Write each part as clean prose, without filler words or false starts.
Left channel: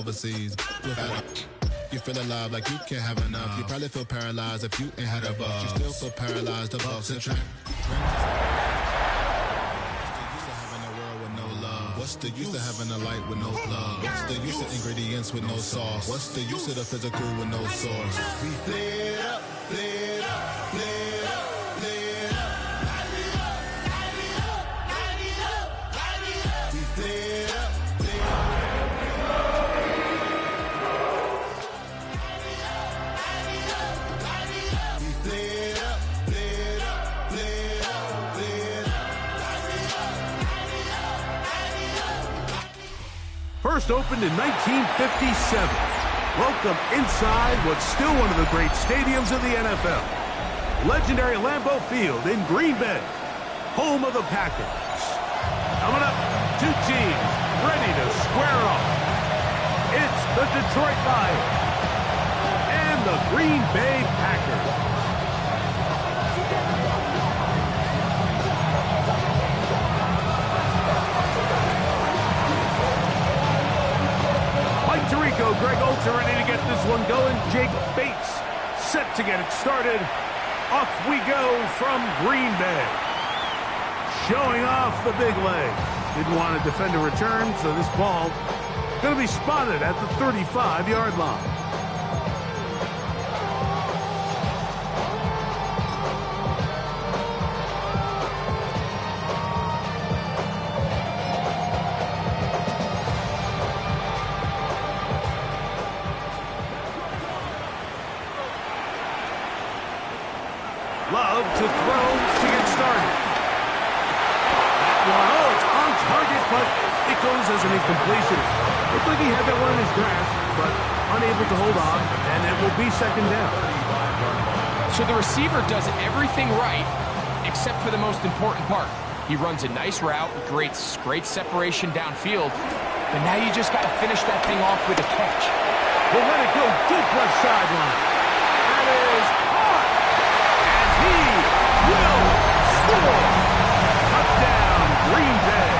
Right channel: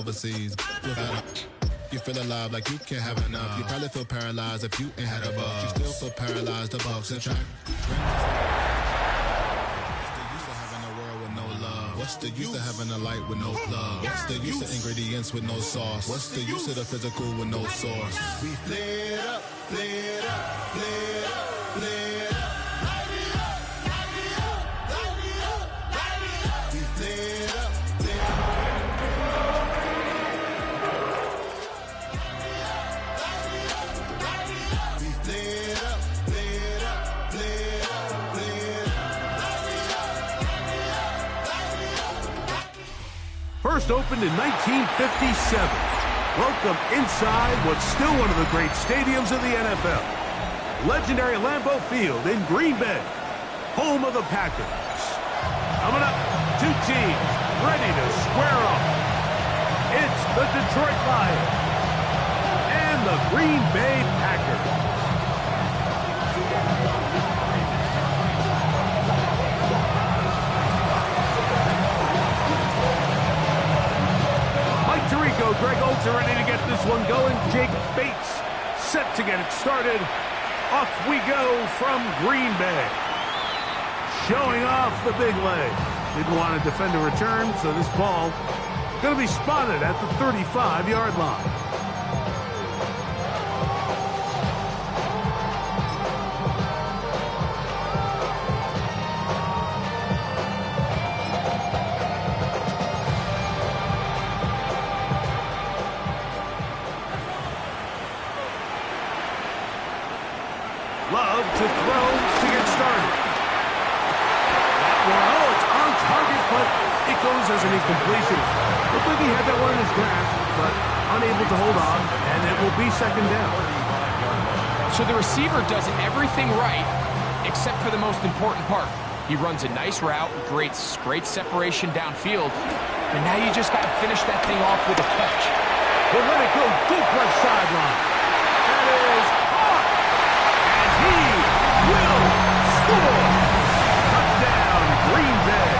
overseas. You feel alive like you can't have enough. You probably feel paralyzed if you ain't had a buck. You still feel paralyzed, the bucks and track. What's the use of having a world with no love? What's the use of having a light with no plug? What's the use of ingredients with no sauce? What's the use of the physical with no source? We flared up, flared up, flared up, flared up. We flared up, flared up. First opened in 1957. Welcome inside what's still one of the great stadiums of the NFL. Legendary Lambeau Field in Green Bay, home of the Packers. Coming up, two teams ready to square off. It's the Detroit Lions and the Green Bay Packers. Mike Tirico, Greg Olsen ready to get this one going. Jake Bates set to get it started. Off we go from Green Bay. Showing off the big leg. Didn't want to defend a return, so this ball going to be spotted at the 35-yard line. Love to throw to get started. That one, oh, it's on target, but it goes as an incompletion. Looked like he had that one in his grasp, but unable to hold on, and it will be second down. So the receiver does everything right, except for the most important part. He runs a nice route, great separation downfield, but now you just got to finish that thing off with a catch. He'll let it go deep left sideline. That is hard. And he will score. Touchdown, Green Bay.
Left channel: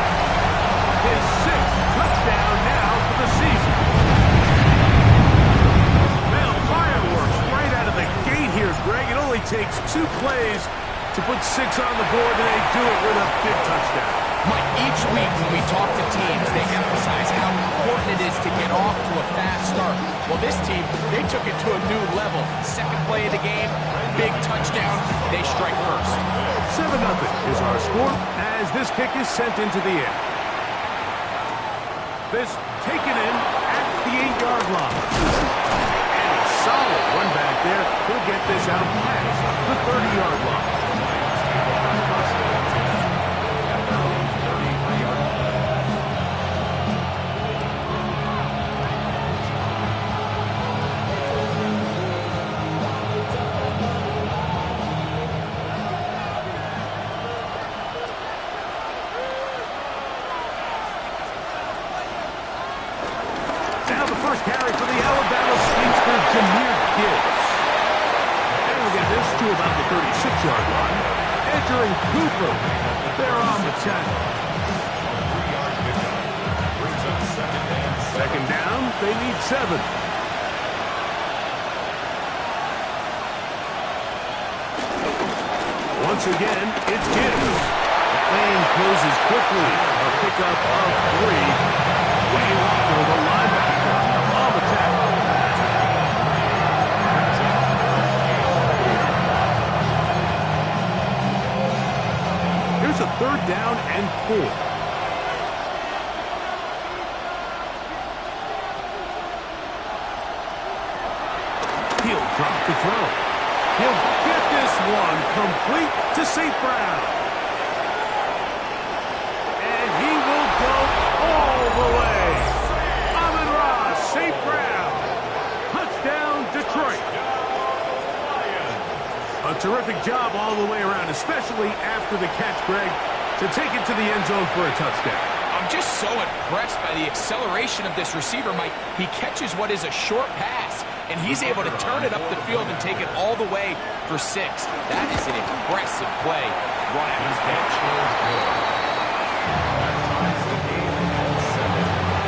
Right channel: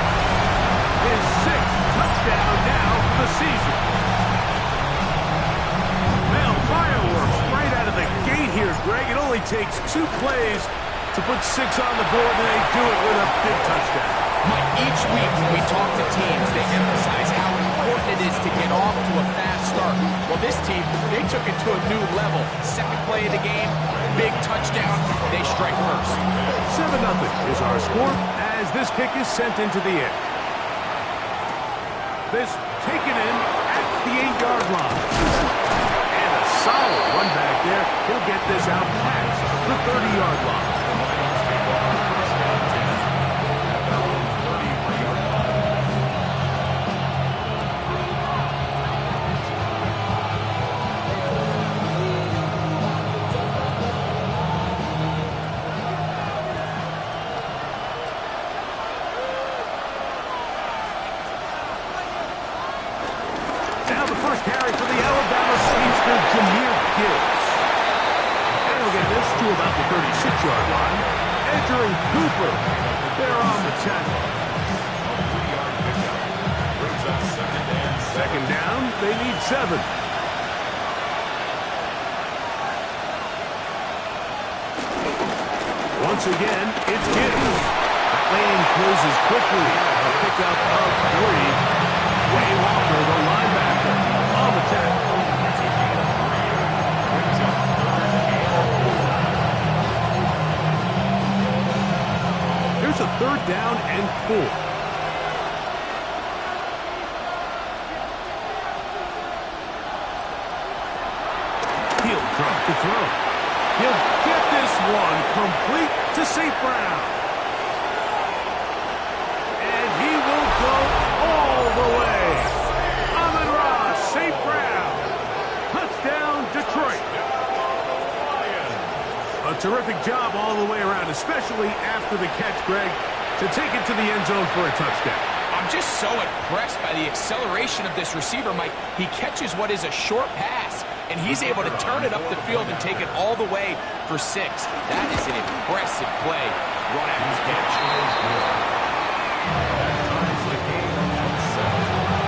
His sixth touchdown now for the season. Well, fireworks right out of the gate here, Greg. It only takes 2 plays to put 6 on the board, and they do it with a big touchdown. Mike, each week when we talk to teams, they emphasize how important it is to get off to a fast start. Well, this team, they took it to a new level. Second play of the game, big touchdown, they strike first. 7-0 is our score as this kick is sent into the air. This taken in at the 8-yard line. And a solid run back there. He'll get this out past the 30-yard line. Carry for the Alabama speedster, Jahmyr Gibbs. And we'll get this to about the 36-yard line. Entering Cooper. They're on the tackle. Second down, they need 7. Once again, it's Gibbs. That lane closes quickly. A pickup of 3. Wayne Walker, the linebacker, on the tackle. Here's a 3rd down and 4. He'll drop to throw. He'll get this one complete to St. Brown. And he will go all the way. Amon-Ra St. Brown. Touchdown, Detroit. A terrific job all the way around, especially after the catch, Greg, to take it to the end zone for a touchdown. I'm just so impressed by the acceleration of this receiver, Mike. He catches what is a short pass, and he's able to turn it up the field and take it all the way for 6. That is an impressive play run after the catch. That ties the game at 7.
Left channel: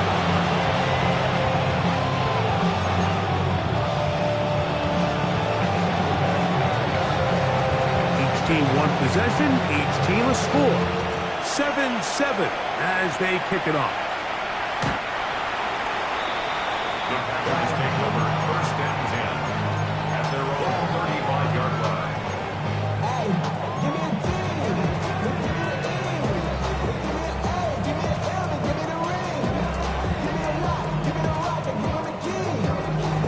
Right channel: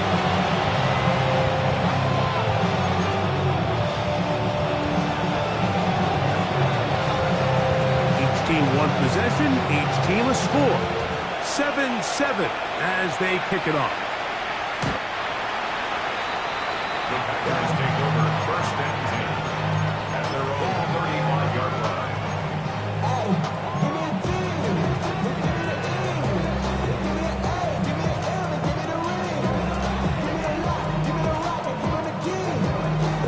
team one possession, each team a score. 7-7 as they kick it off. The Packers take over 1st and 10 at their own 35-yard line. Hey, give me a D. Give me the E. Give me an A. Give me the M. And give me the ring. Give me the lock. Give me the rock. And give me the key.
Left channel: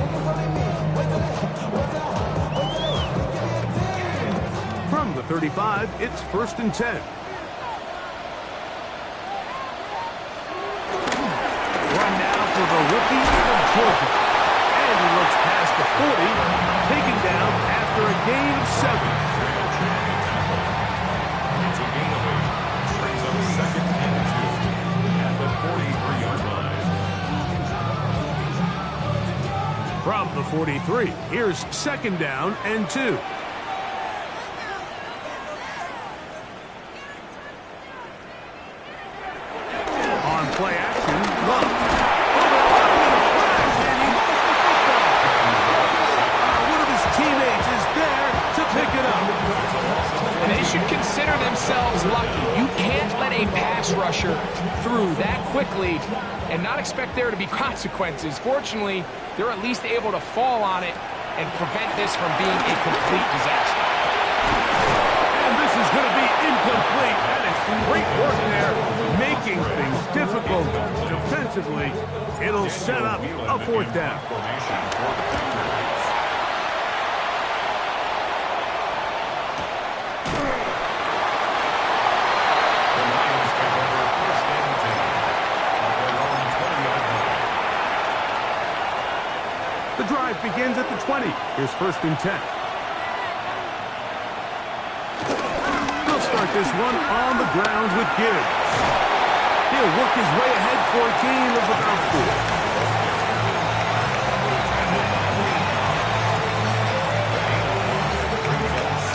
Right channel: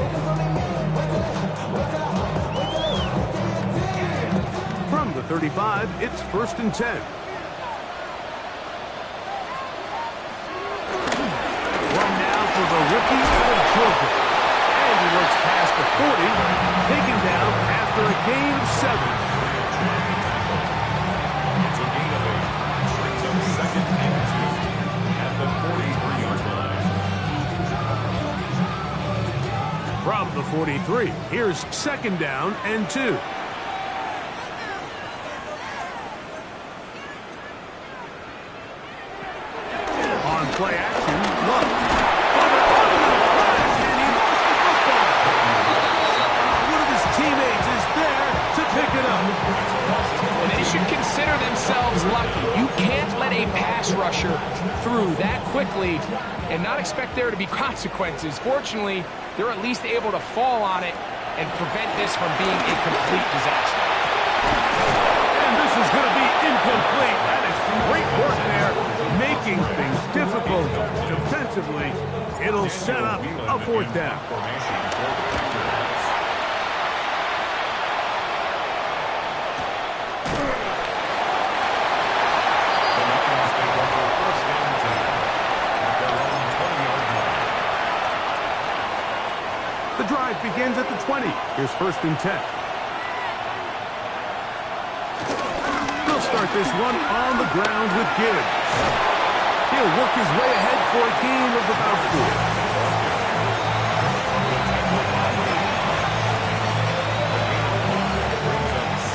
It's only me. Wait till they give me a D. From the 35, it's 1st and 10. Run now for the rookie out of Georgia. And he looks past the 40, taken down after a gain of 7. It's a gain of 8. Brings up 2nd and 2 at the 43-yard line. From the 43, here's 2nd down and 2. On play action, Love. Over to the crash, and he lost the football. One of his teammates is there to pick it up. And they should consider themselves lucky. You can't let a pass rusher through that quickly and not expect there to be consequences. Fortunately, they're at least able to fall on it and prevent this from being a complete disaster. And this is going to be incomplete. That is great work there, making things difficult defensively. It'll set up a 4th down. Formation for the Packers. The Lions take over 1st and 10 at their own 20-yard line. The drive begins at the 20. Here's 1st and 10. They'll start this one on the ground with Gibbs. He'll work his way ahead for a gain of about 4.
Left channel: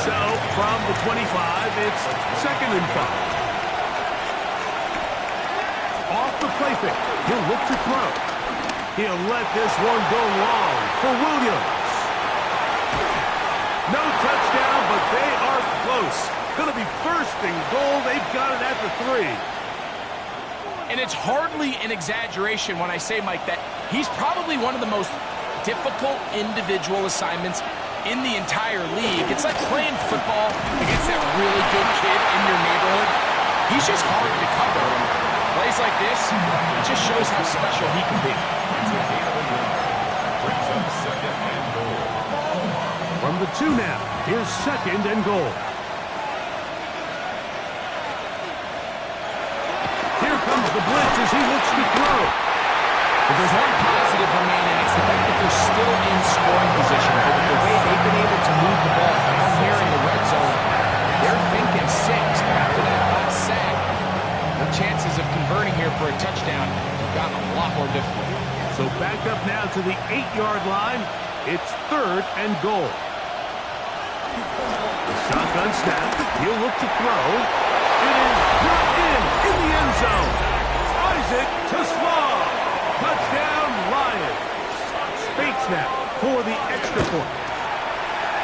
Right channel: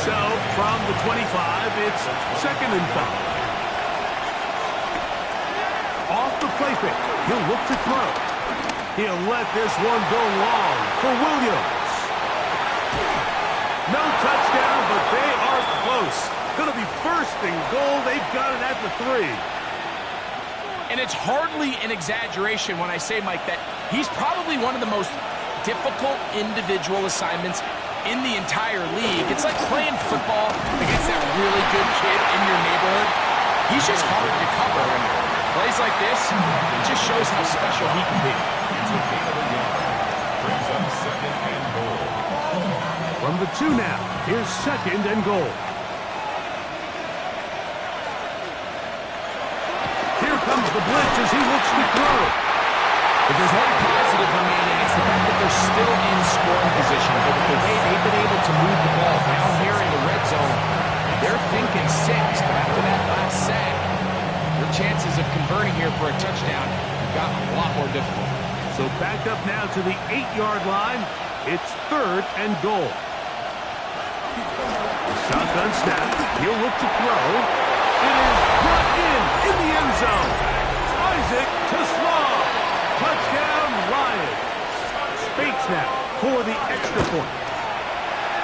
So, from the 25, it's 2nd and 5. Off the play fake, he'll look to throw. He'll let this one go long for Williams. No touchdown, but they are close. Going to be 1st and goal. They've got it at the 3. And it's hardly an exaggeration when I say, Mike, that he's probably one of the most difficult individual assignments in the entire league. It's like playing football against that really good kid in your neighborhood. He's just hard to cover, and plays like this, it just shows how special he can be. It's a gain of a yard. Brings up 2nd and goal. From the 2 now, here's 2nd and goal. Here comes the blitz as he looks to throw. If there's one positive remaining, it's the fact that they're still in scoring position. But with the way they've been able to move the ball down here in the red zone, they're thinking 6. But after that last sack, their chances of converting here for a touchdown have gotten a lot more difficult. So back up now to the 8-yard line. It's 3rd and goal. Shotgun snap. He'll look to throw. It is brought in the end zone. Isaac to Slaw. Touchdown, Lions. Bates now for the extra point.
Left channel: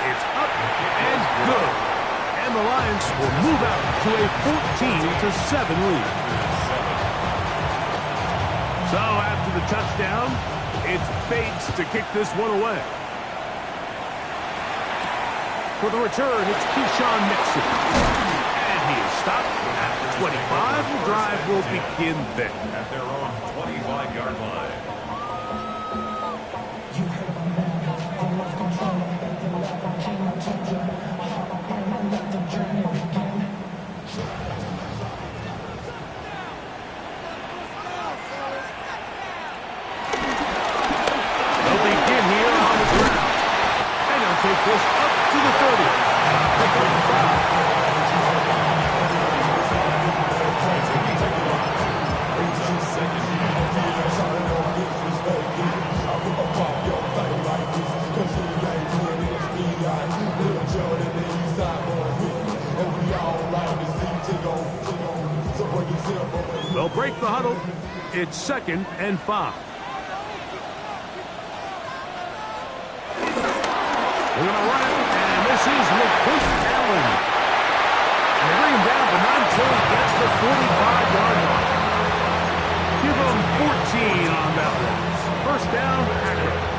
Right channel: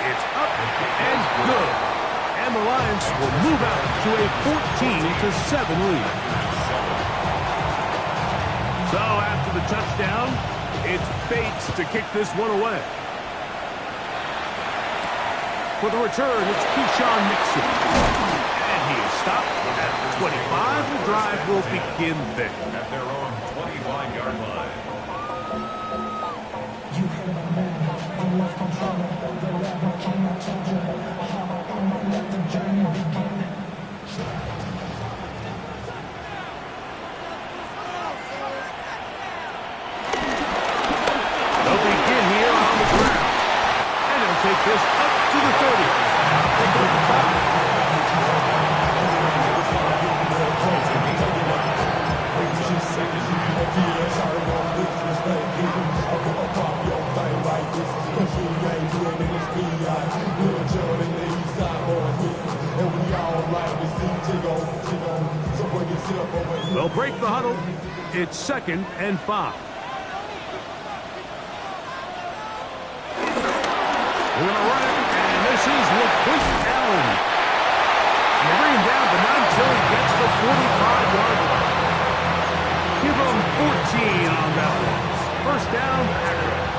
It's up and good. And the Lions will move out to a 14-7 lead. So after the touchdown, it's Bates to kick this one away. For the return, it's Keyshawn Nixon. And he is stopped at 25. The drive will begin there. At their own 25-yard line. You heard about that. I lost control of the level. King, I told you. And let the journey begin. They'll begin here on the ground. And they'll take this up to the 30. Pick up the 5. They'll break the huddle. It's 2nd and 5. They're going to run it, and this is LaQuint Allen. They bring him down, but not until he gets the 45-yard line. Give him 14 on that one. First down, Packers.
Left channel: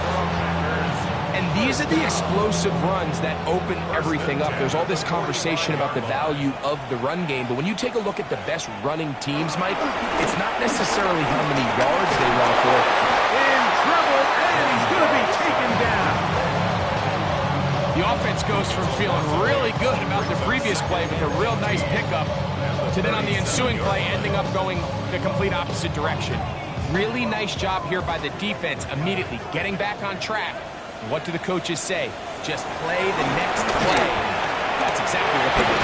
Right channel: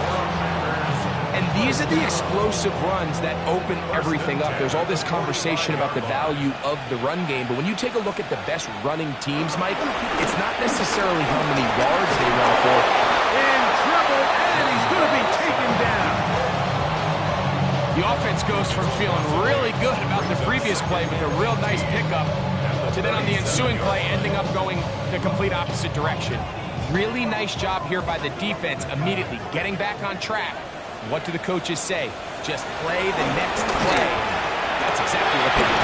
And these are the explosive runs that open everything up. There's all this conversation about the value of the run game, but when you take a look at the best running teams, Mike, it's not necessarily how many yards they run for. In trouble, and he's going to be taken down. The offense goes from feeling really good about the previous play with a real nice pickup to then on the ensuing play ending up going the complete opposite direction. Really nice job here by the defense, immediately getting back on track. What do the coaches say? Just play the next play. That's exactly what they did.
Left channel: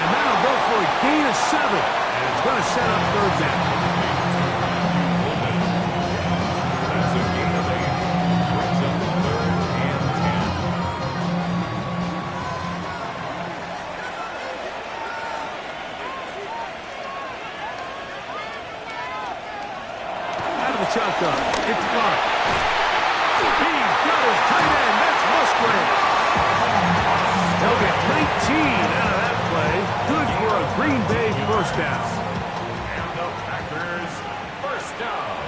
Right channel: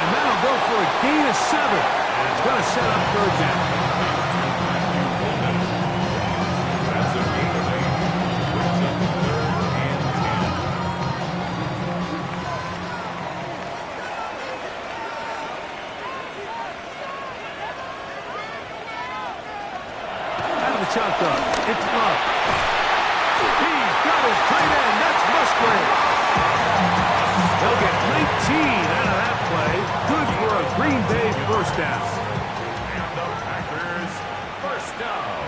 And that'll go for a gain of 7. And it's going to set up third down. That's a gain of 8. Brings up 3rd and 10. Out of the shotgun, it's Love. He's got his tight end. That's Musgrave. They'll get 19 out of that play. Good for a Green Bay first down. And the Packers first down.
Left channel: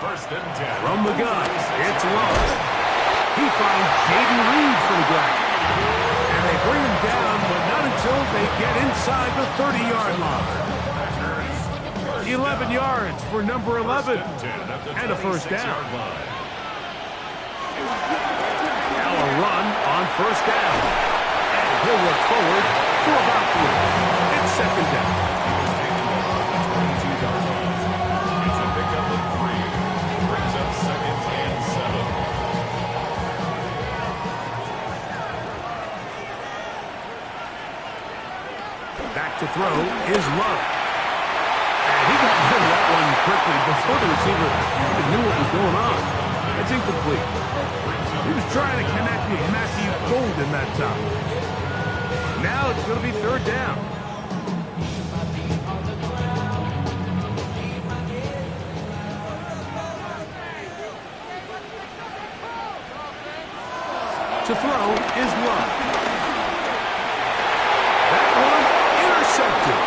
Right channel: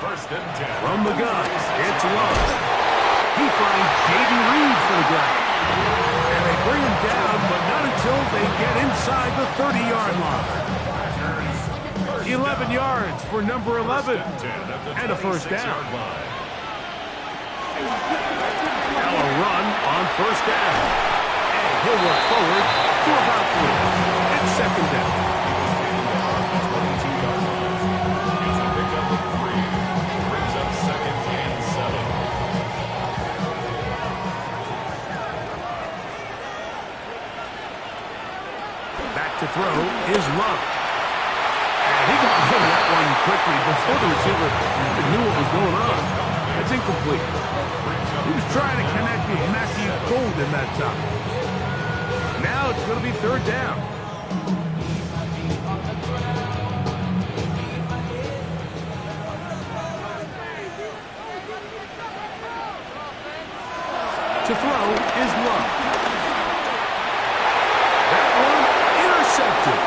1st and 10. From the gun, it's Love. He finds Jaden Reed for the ground. And they bring him down, but not until they get inside the 30-yard line. 11 yards for number 11. And a first down. Now a run on first down. And he'll work forward for about 3. It's second down. He was taken down at the 22-yard line. It's a pickup of 3. Brings up 2nd and 7. Back to throw is Love. And he got rid of that one quickly before the receiver even knew what was going on. That's incomplete. He was trying to connect with Matthew Golden that time. Now it's going to be third down. To throw is Love. That one intercepted.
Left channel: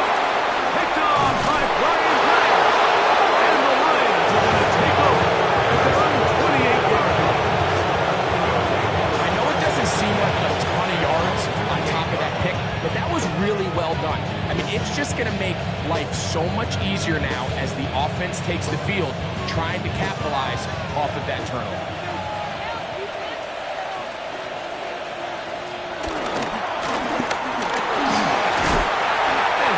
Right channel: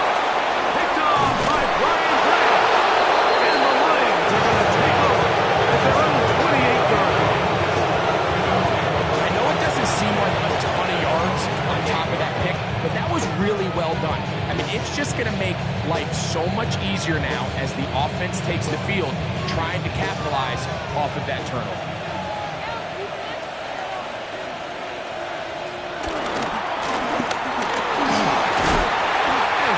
Picked off by Brian Graham. And the Lions are going to take over at their own 28-yard line. I know it doesn't seem like a ton of yards on top of that pick, but that was really well done. I mean, it's just going to make life so much easier now as the offense takes the field, trying to capitalize off of that turnover.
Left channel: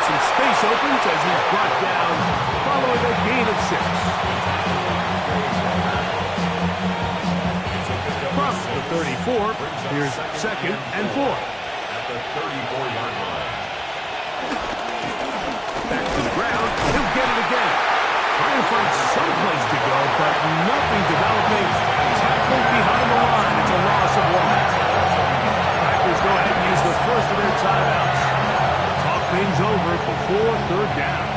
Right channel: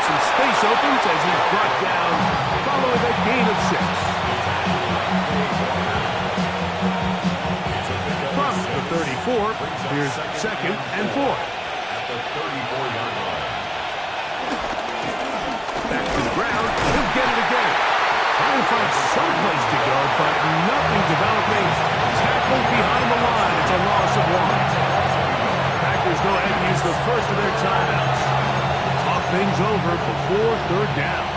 Some space opens as he's brought down following a gain of 6. From the 34, here's 2nd and 4. At the 34-yard line. Back to the ground, he'll get it again. Trying to find some place to go, but nothing developing. Tackled behind the line. It's a loss of 1. Packers go ahead and use the first of their timeouts. Talk things over before third down.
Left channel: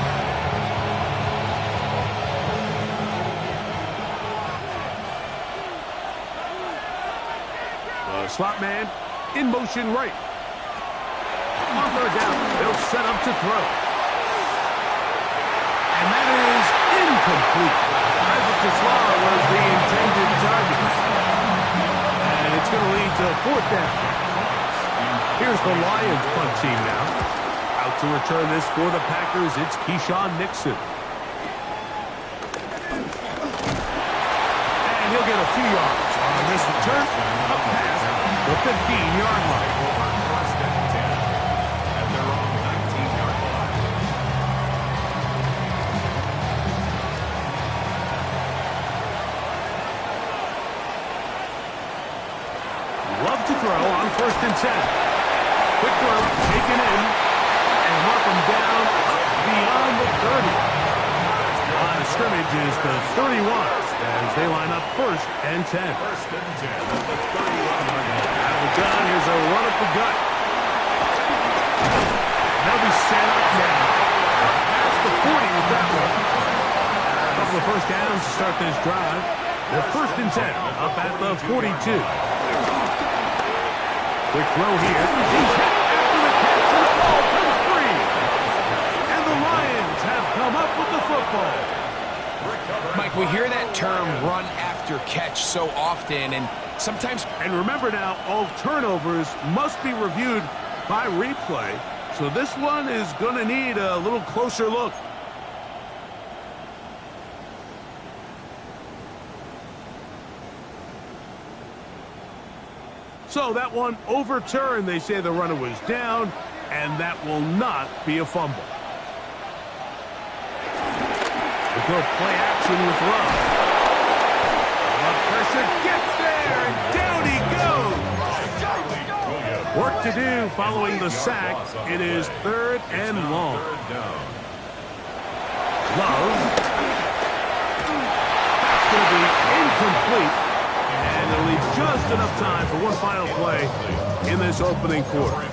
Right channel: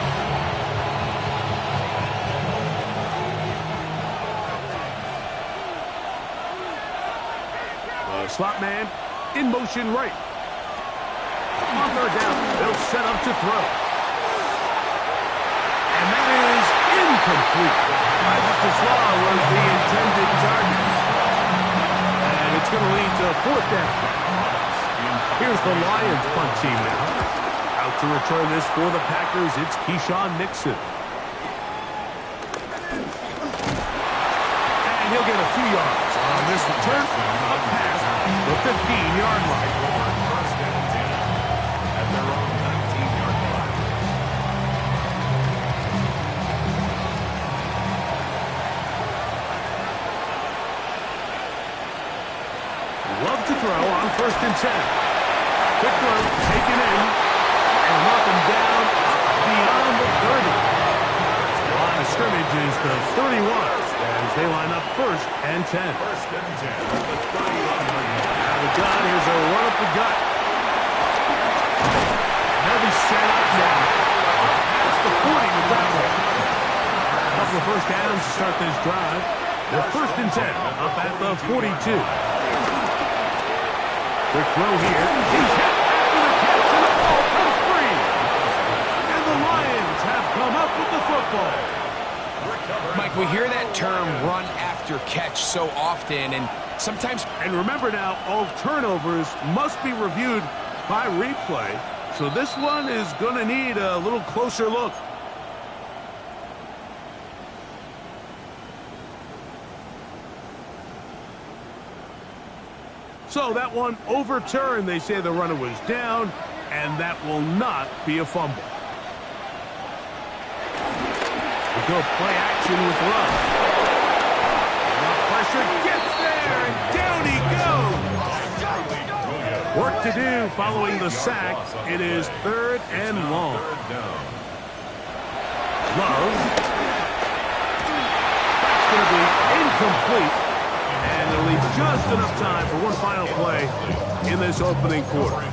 The slot man in motion right. On third down, they'll set up to throw. And that is incomplete. Isaac Tesla was the intended target. And it's going to lead to fourth down. Here's the Lions punt team now. Out to return this for the Packers, it's Keyshawn Nixon. And he'll get a few yards on this return, up past the 15-yard line. First and 10 at their own 19-yard line. Love to throw on 1st and 10. Quick throw, taken in, and mark him down up beyond the 30. Line of scrimmage is the 31 as they line up 1st and 10. 1st and 10 at the 31-yard line. Out of the gun, here's a run up the gut. And they'll be set up now. Up past the 40 with that one. A couple of first downs to start this drive. They're 1st and 10 up at the 42. Quick throw here. He's hit at with the football. Mike, we hear that term run after catch so often, and sometimes... And remember now, all turnovers must be reviewed by replay, so this one is going to need a little closer look. So that one overturned. They say the runner was down, and that will not be a fumble. We'll go play action with Love. Love pressure gets there, and down he goes. Work to do following the sack. It is 3rd and long. Love. That's going to be incomplete. And they'll leave just enough time for one final play in this opening quarter. I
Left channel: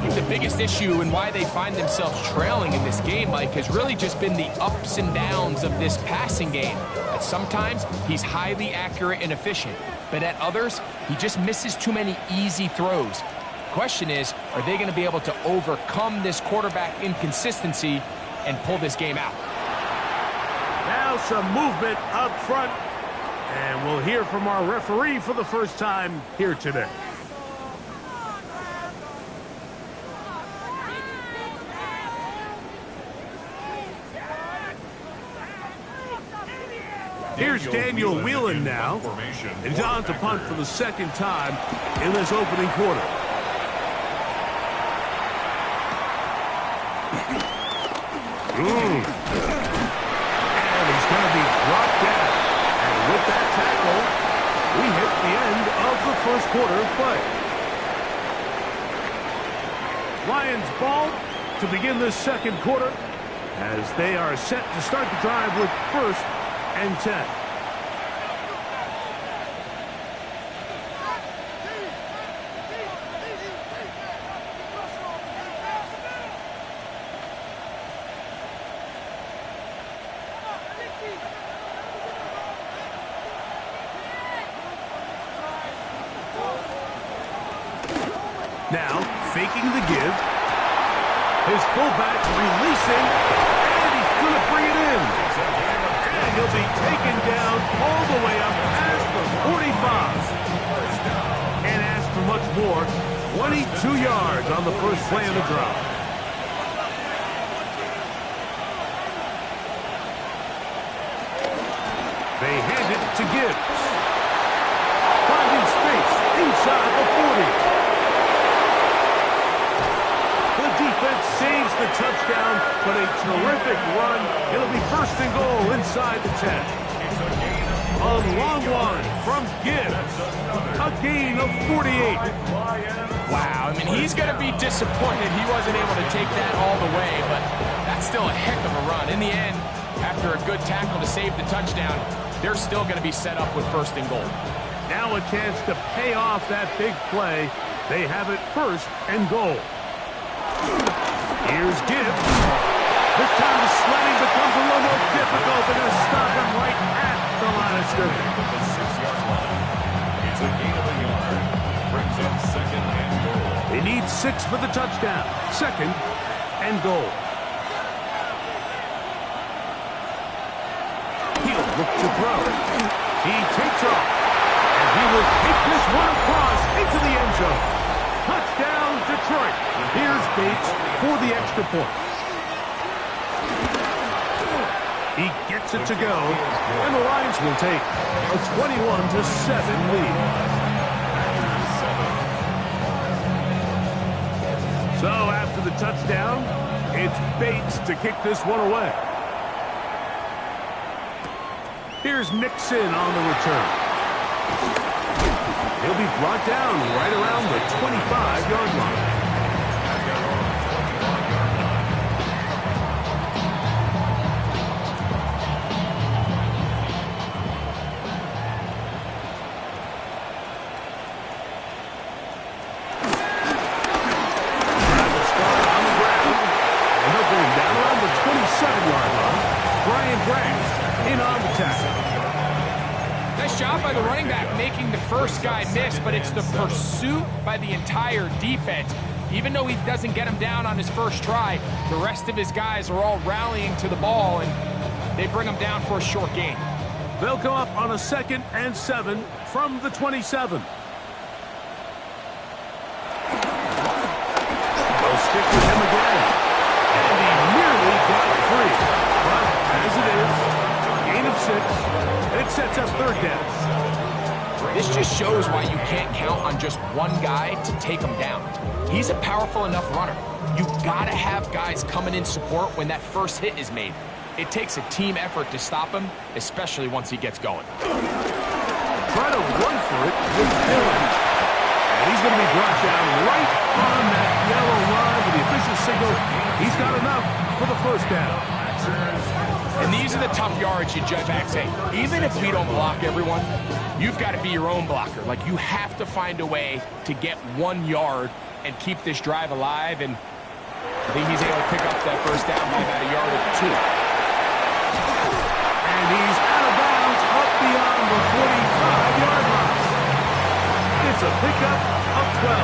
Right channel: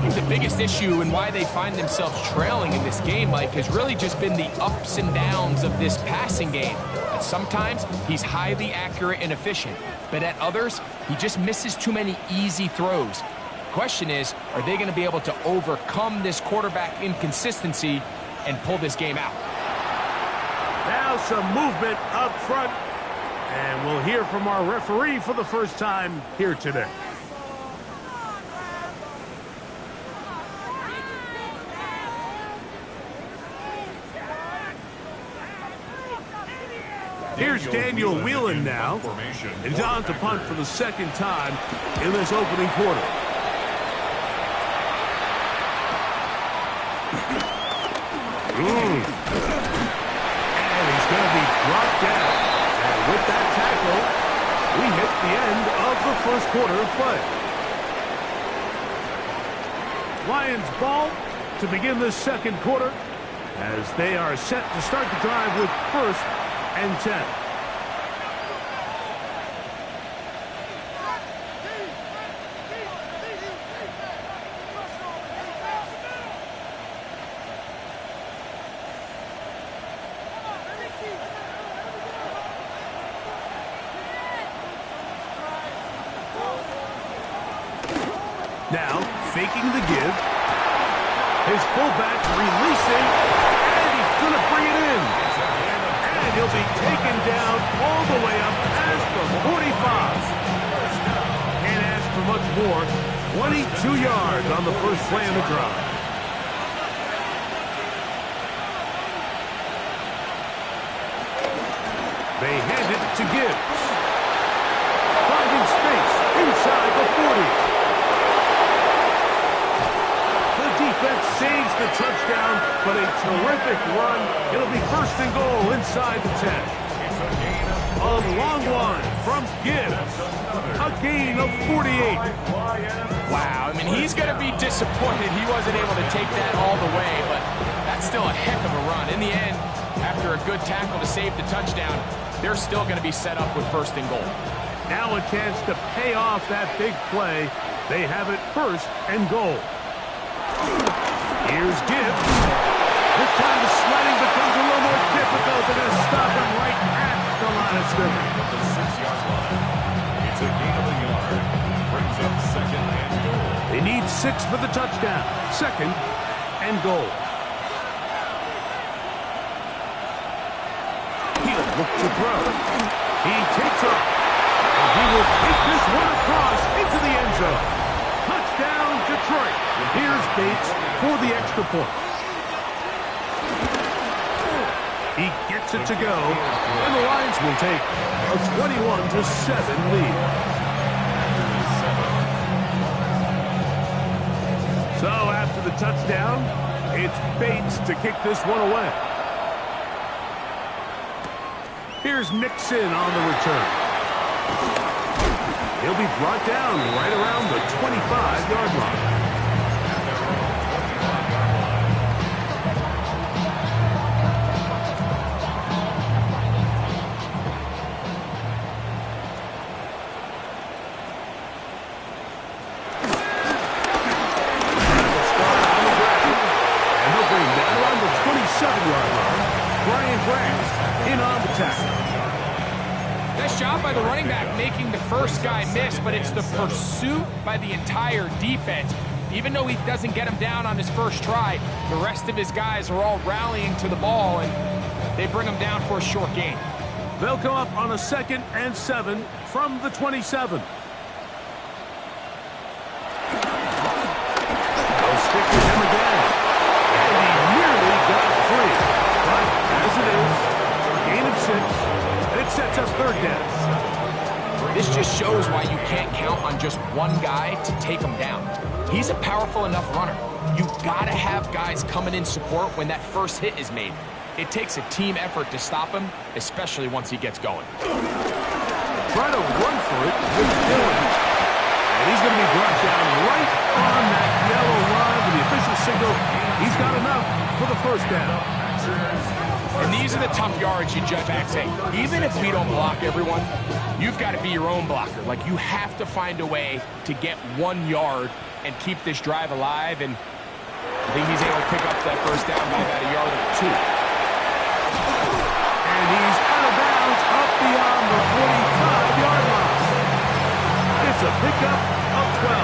think the biggest issue and why they find themselves trailing in this game, Mike, has really just been the ups and downs of this passing game. At sometimes, he's highly accurate and efficient, but at others, he just misses too many easy throws. The question is, are they going to be able to overcome this quarterback inconsistency and pull this game out? Now some movement up front. And we'll hear from our referee for the first time here today. Here's Daniel Whelan now. And he's on to punt for the second time in this opening quarter. And he's going to be brought down. And with that tackle, we hit the end of the first quarter of play. Lions ball to begin this second quarter as they are set to start the drive with 1st and 10. Now, faking the give. His fullback releasing, and he's going to bring it in. And he'll be taken down all the way up past the 45. Can't ask for much more. 22 yards on the first play of the drive. They hand it to Gibbs. Finding space inside the 40. The defense saves the touchdown, but a terrific run. It'll be 1st and goal inside the 10. A long one from Gibbs. A gain of 48. Wow, I mean, he's going to be disappointed he wasn't able to take that all the way, but that's still a heck of a run. In the end, after a good tackle to save the touchdown, they're still going to be set up with 1st and goal. Now a chance to pay off that big play. They have it 1st and goal. Here's Gibbs. This time the sledding becomes a little more difficult. They're going to stop him right at the line of scrimmage. At the 6-yard line. It's a gain of a yard. Brings up 2nd and goal. They need 6 for the touchdown. 2nd and goal. He'll look to throw. He takes off. And he will take this one across into the end zone. Touchdown, Detroit. Here's Bates for the extra point. He gets it to go, and the Lions will take a 21-7 lead. So after the touchdown, it's Bates to kick this one away. Here's Nixon on the return. He'll be brought down right around the 25-yard line. At their own 25-yard line. Will start on the ground, and they'll bring him down around the 27-yard line. Brian Grant in on the tackle. Nice job by the running back making the first guy miss, but it's the pursuit by the entire defense. Even though he doesn't get him down on his first try, the rest of his guys are all rallying to the ball, and they bring him down for a short gain. They'll come up on a 2nd and 7 from the 27. They'll stick with him again. And he nearly got free. But as it is, gain of 6, and it sets up 3rd down. This just shows why you can't count on just one guy to take him down. He's a powerful enough runner. You gotta have guys coming in support when that first hit is made. It takes a team effort to stop him, especially once he gets going. Try to run for it with Dillon. And he's going to be brought down right on that yellow line with the official signal. He's got enough for the 1st down. And these are the tough yards you judge back saying, even if we don't block everyone, you've got to be your own blocker. Like, you have to find a way to get 1 yard and keep this drive alive. And I think he's able to pick up that 1st down by about a yard or 2. And he's out of bounds up beyond the 45-yard line. It's a pickup of 12.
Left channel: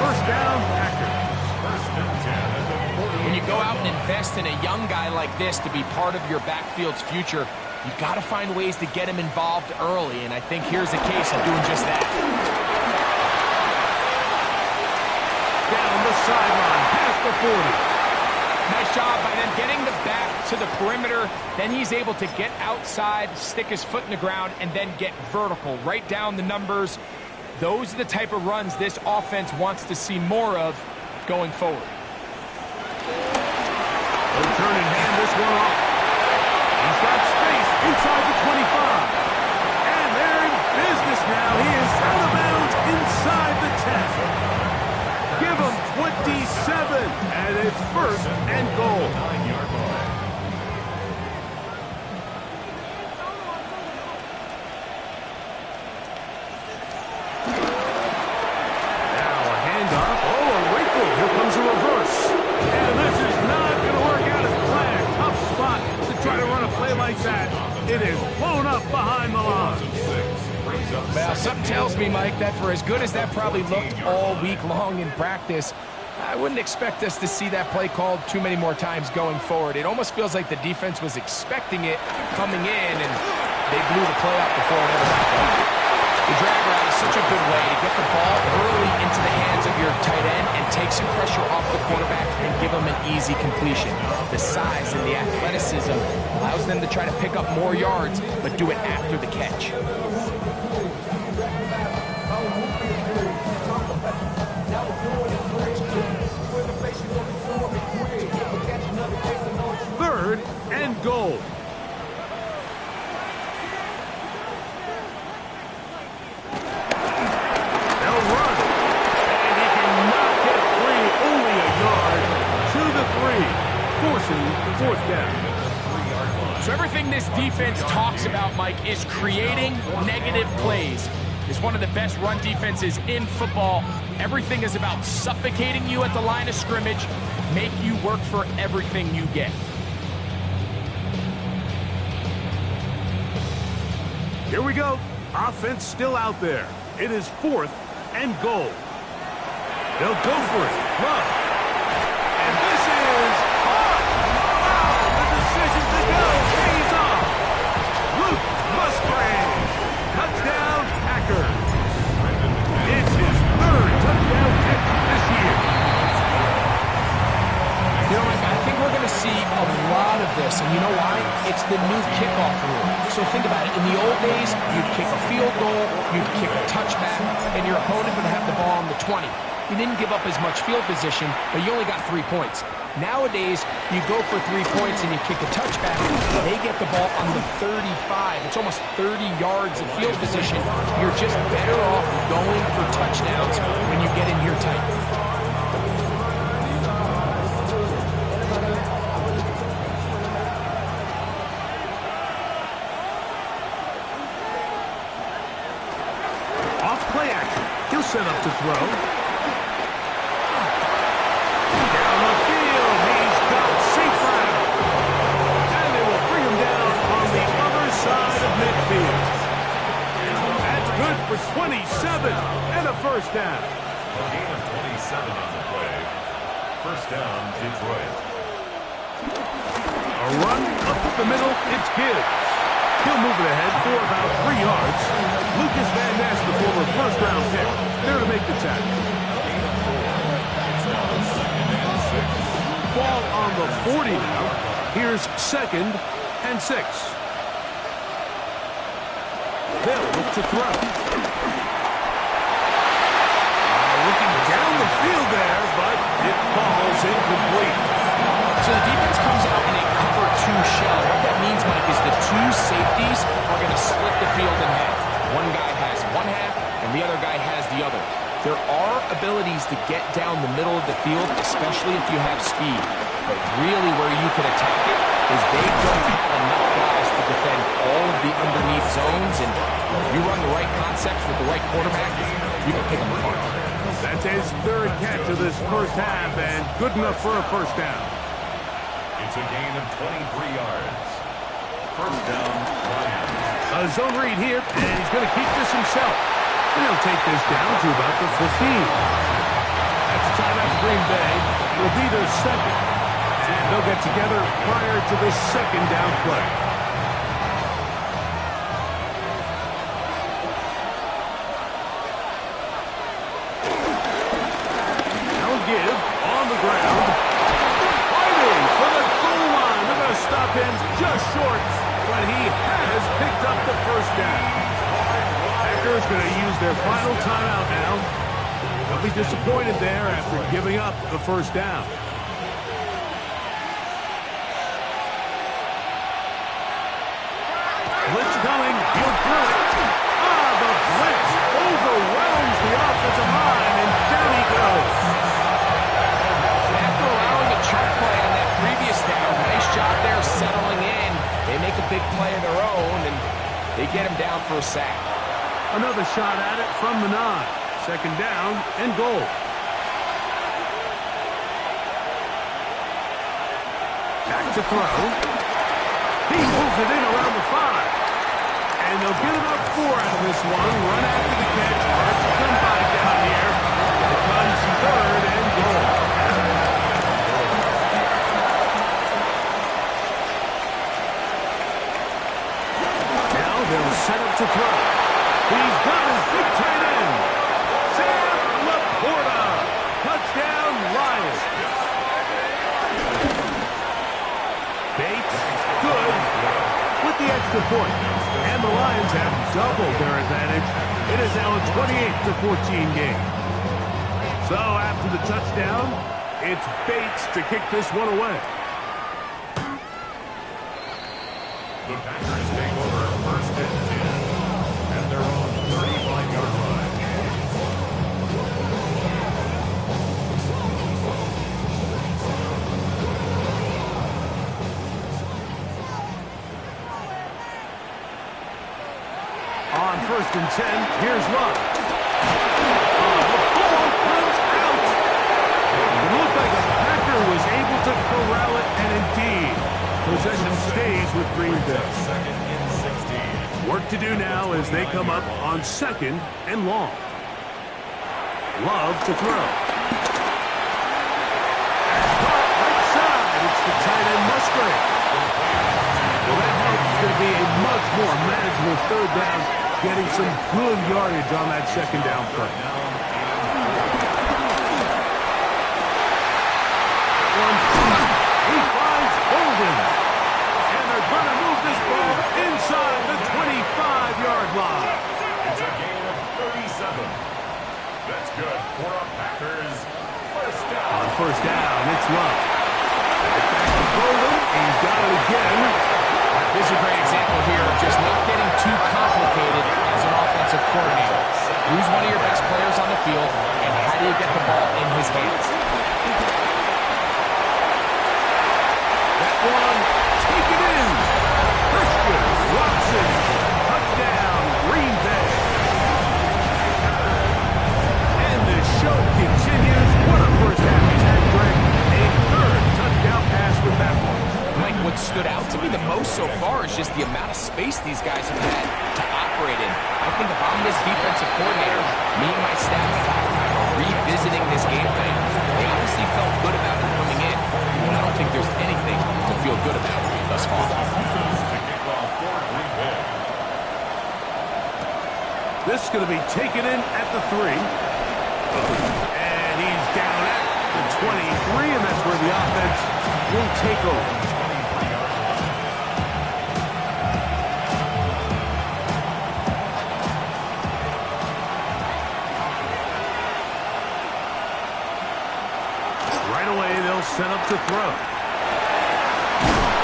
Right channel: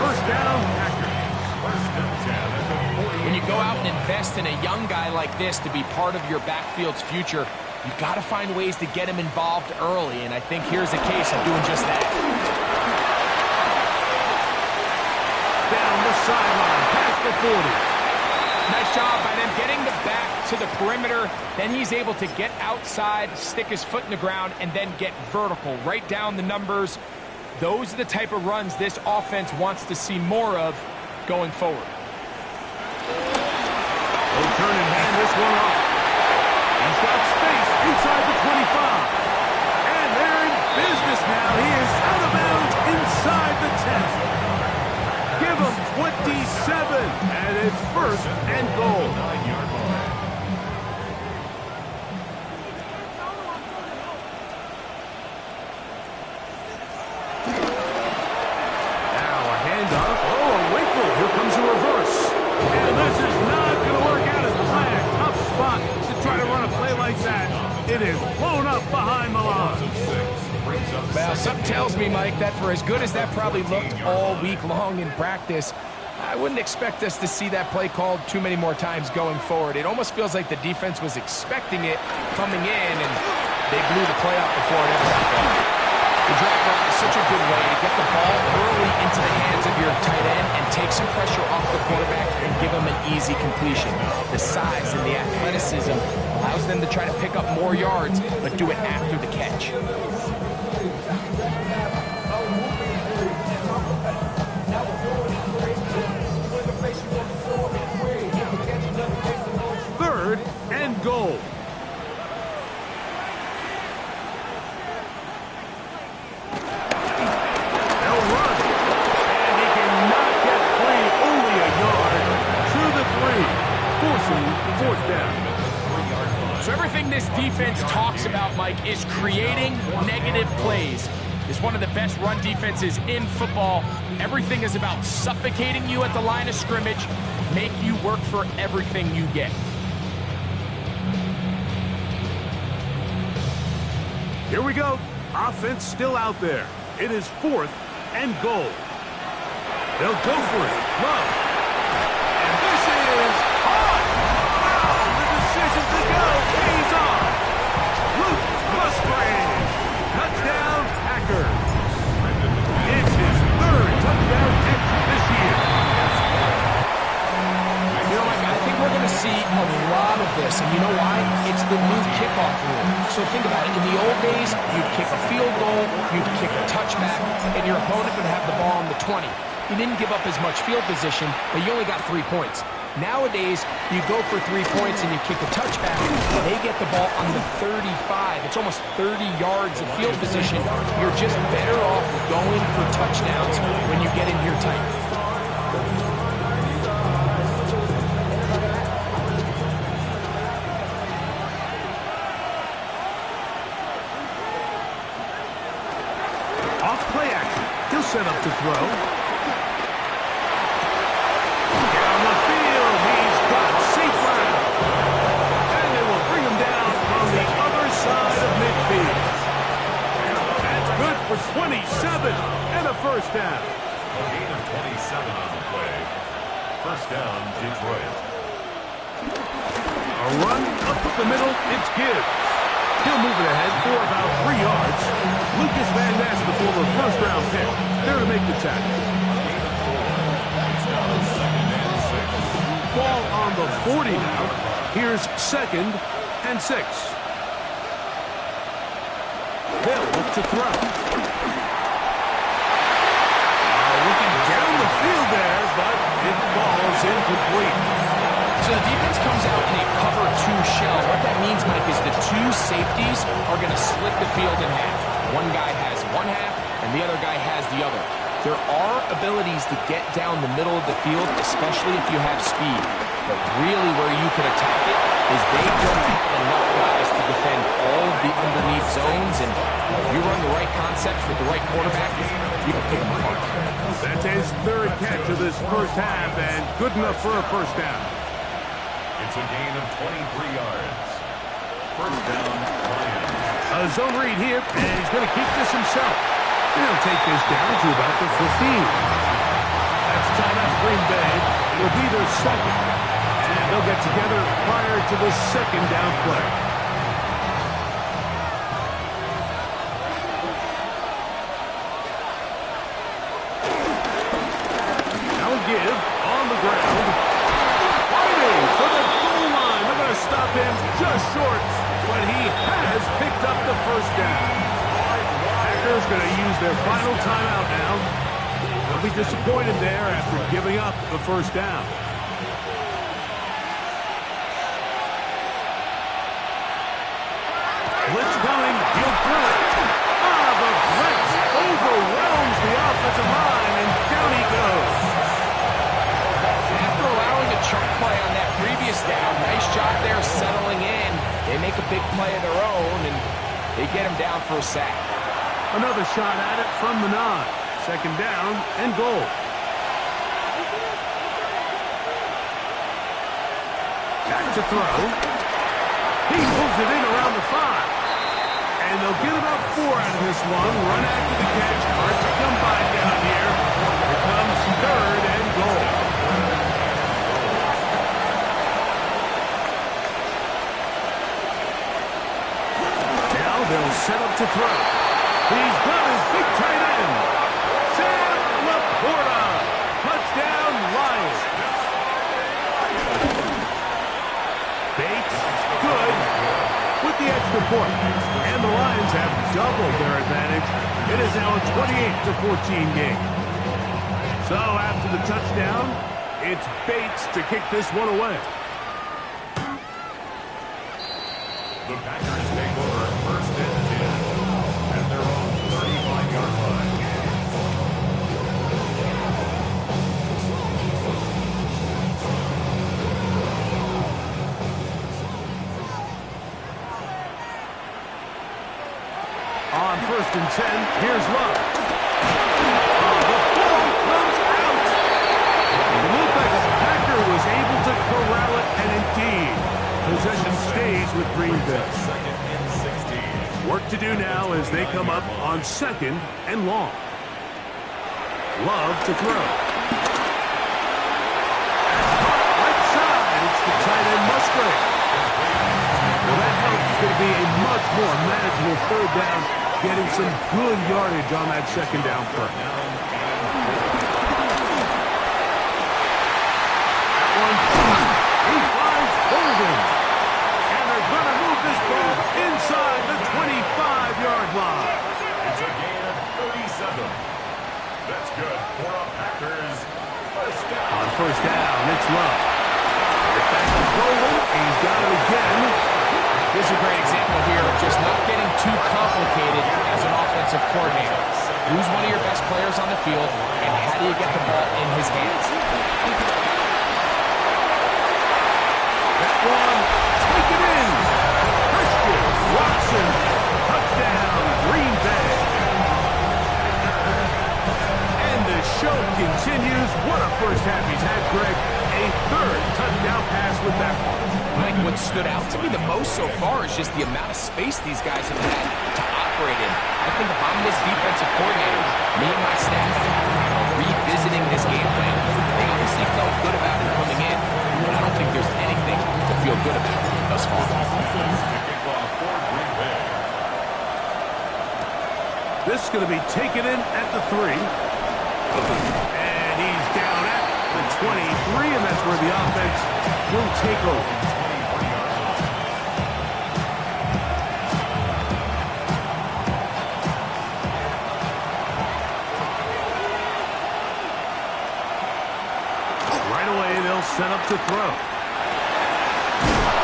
1st down, Packers. 1st and 10 at the 40. When you go out and invest in a young guy like this to be part of your backfield's future, you got to find ways to get him involved early, and I think here's a case of doing just that. Down the sideline, past the 40. Nice job by them getting the back to the perimeter. Then he's able to get outside, stick his foot in the ground, and then get vertical. Right down the numbers. Those are the type of runs this offense wants to see more of going forward. He'll turn and hand this one off. He's got space inside the 25. And they're in business now. He is out of bounds inside the 10. Give him 27, and it's 1st and goal. 9-yard line. Now a handoff. Oh, a wrinkle. Here comes a reverse. And this is not going to work out as planned. Tough spot to try to run a play like that. It is blown up behind the line. Well, something tells me, Mike, that for as good as that probably looked all week long in practice, I wouldn't expect us to see that play called too many more times going forward. It almost feels like the defense was expecting it coming in, and they blew the play up before it ever got going. The drag route is such a good way to get the ball early into the hands of your tight end and take some pressure off the quarterback and give him an easy completion. The size and the athleticism allows them to try to pick up more yards, but do it after the catch. 3rd and goal. They'll run. And he cannot get free. Only a yard to the 3. Forcing 4th down. So everything this defense talks about, Mike, is creating negative plays. It's one of the best run defenses in football. Everything is about suffocating you at the line of scrimmage, make you work for everything you get. Here we go. Offense still out there. It is 4th and goal. They'll go for it. Love. And this is hot. Wow, the decision to go pays off. Luke Musgrave. Touchdown, Packers. It's his 3rd touchdown catch this year. You know, Mike, I think we're going to see a lot of this, and you know why? It's the new kickoff rule. So think about it. In the old days, you'd kick a field goal, you'd kick a touchback, and your opponent would have the ball on the 20. You didn't give up as much field position, but you only got 3 points. Nowadays, you go for 3 points and you kick a touchback, they get the ball on the 35. It's almost 30 yards of field position. You're just better off going for touchdowns when you get in here tight. Off play action. He'll set up to throw. Down the field. He's got safe ground. And they will bring him down on the other side of midfield. That's good for 27 and a 1st down. A gain of 27 on the play. First down, Detroit. A run up the middle, it's Gibbs. He'll move it ahead for about 3 yards. Lucas Van Ness, the former first-round pick, there to make the tackle. Gain of 4. It's now second and 6. Ball on the 40 now. Here's second and 6. They'll look to throw. Looking down the field there, but it falls incomplete. So the defense comes out in a cover 2 shell. What that means, Mike, is the 2 safeties are going to split the field in half. One guy has one half, and the other guy has the other. There are abilities to get down the middle of the field, especially if you have speed. But really where you can attack it is they don't have enough guys to defend all of the underneath zones. And if you run the right concepts with the right quarterback, you can pick them apart. That's his 3rd catch of this first half, and good enough for a first down. It's a gain of 23 yards. First down, Lions. A zone read here, and he's going to keep this himself. And he'll take this down to about the 15. That's timeout Green Bay. It'll be their second. And they'll get together prior to the second down play. Now give on the ground. Fighting for the goal line. They're going to stop him just short, but he has picked up the first down. Packers going to use their final timeout now. They'll be disappointed there after giving up the first down. Blitz coming. He'll throw it. The blitz overwhelms the offensive line, and down he goes. After allowing a chunk play on that previous down, nice job there settling in. They make a big play of their own, and they get him down for a sack. Another shot at it from the 9. Second down and goal. Back to throw. He moves it in around the 5. And they'll get about 4 out of this one. Run after the catch. Hard to come by down here. Here comes 3rd and goal. Now they'll set up to throw. He's got his big tight end. Sam Laporta. Touchdown, Lions. Bates, good, with the extra point. And the Lions have doubled their advantage. It is now a 28-14 game. So after the touchdown, it's Bates to kick this one away. The Packers take over first and 10 at their own 35-yard line. On first and 10, here's Love. The ball comes out. It looked like a Packer was able to corral it, and indeed, possession stays with Green Bay. Second and 16. Work to do now as they come up on second and long. Love to throw. Caught right side. It's the tight end Musgrave. Well, that helps. It's going to be a much more manageable third down, getting some good yardage on that second down play. That one, he finds Golden. And they're going to move this ball inside the 25-yard line. It's a gain of 37. That's good for a Packers first down. On first down, it's Love. Right back to Golden. He's got it again. This is a great example here of just not getting too complicated as an offensive coordinator. Who's one of your best players on the field, and how do you get the ball in his hands? That one, take it in. Christian Watson, touchdown, Green Bay. And the show continues. What a first half he's had, Greg. A 3rd touchdown pass with that one. Mike, what stood out to me the most so far is just the amount of space these guys have had to operate in. I think if I'm this defensive coordinator, me and my staff at halftime are revisiting this game plan. They obviously felt good about it coming in, but I don't think there's anything to feel good about thus far. This is going to be taken in at the 3. And he's down at the 23, and that's where the offense will take over. Right away, they'll set up to throw.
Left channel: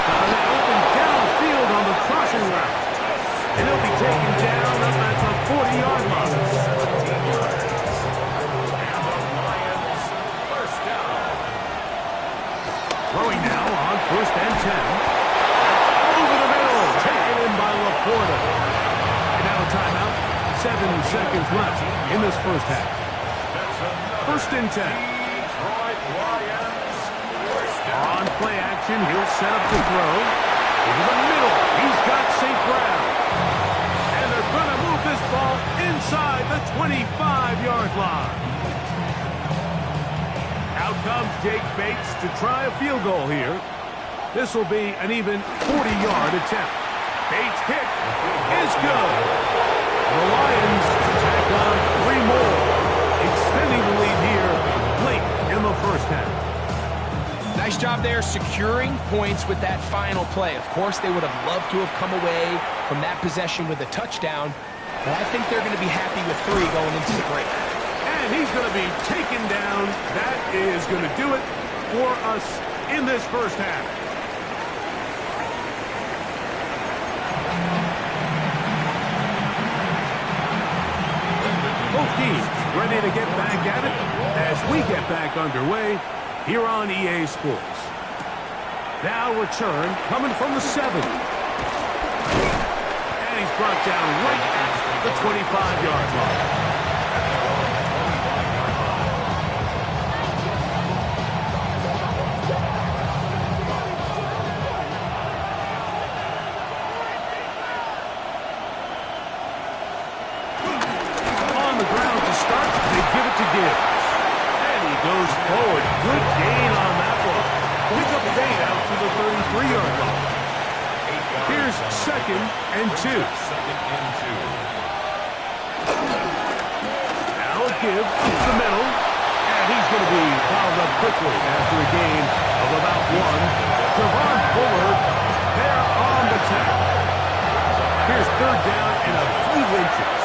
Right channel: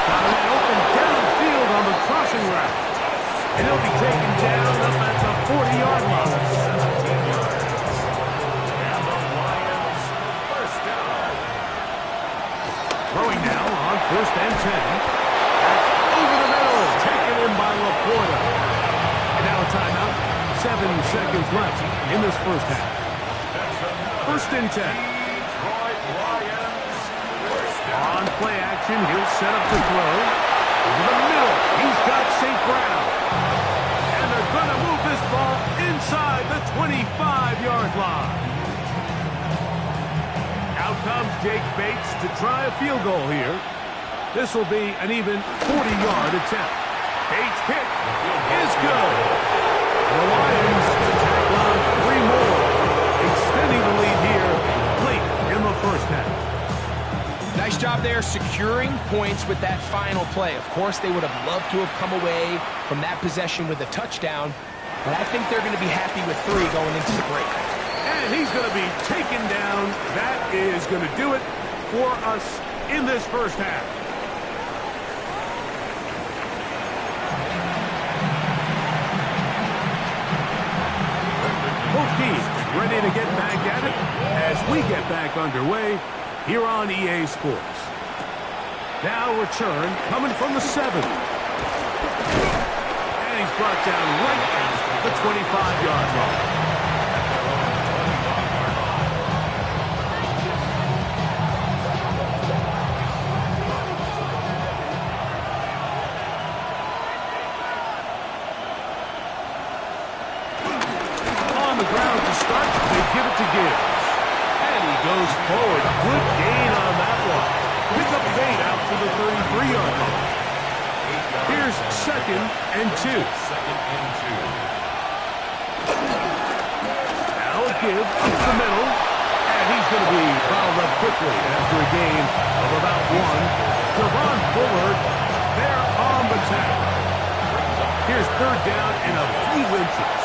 Got an open downfield on the crossing route. And he'll be taken down up at the 40-yard line. 17 yards. And the Lions first down. Throwing now on 1st and 10. That's over the middle. Taken in by Laporta. And now a timeout. 7 seconds left in this first half. 1st and 10. Detroit Lions first down. On play action, he'll set up to throw. Over the middle, he's got St. Brown. And they're going to move this ball inside the 25-yard line. Out comes Jake Bates to try a field goal here. This will be an even 40-yard attempt. Bates' kick is good. The Lions tack on 3 more, extending the lead here late in the first half. Nice job there securing points with that final play. Of course, they would have loved to have come away from that possession with a touchdown, but I think they're going to be happy with 3 going into the break. And he's going to be taken down. That is going to do it for us in this first half. Both teams ready to get back at it as we get back underway here on EA Sports. Now return coming from the 7. And he's brought down right at the 25-yard line. On the ground to start, they give it to Gibbs. And he goes forward. Good gain on that one. Pick up 8 out to the 33-yard line. Here's 2nd and 2. Now a give up the middle. And he's going to be fouled up quickly after a gain of about 1. Javon Bullard there on the tackle. Here's 3rd down and a few inches.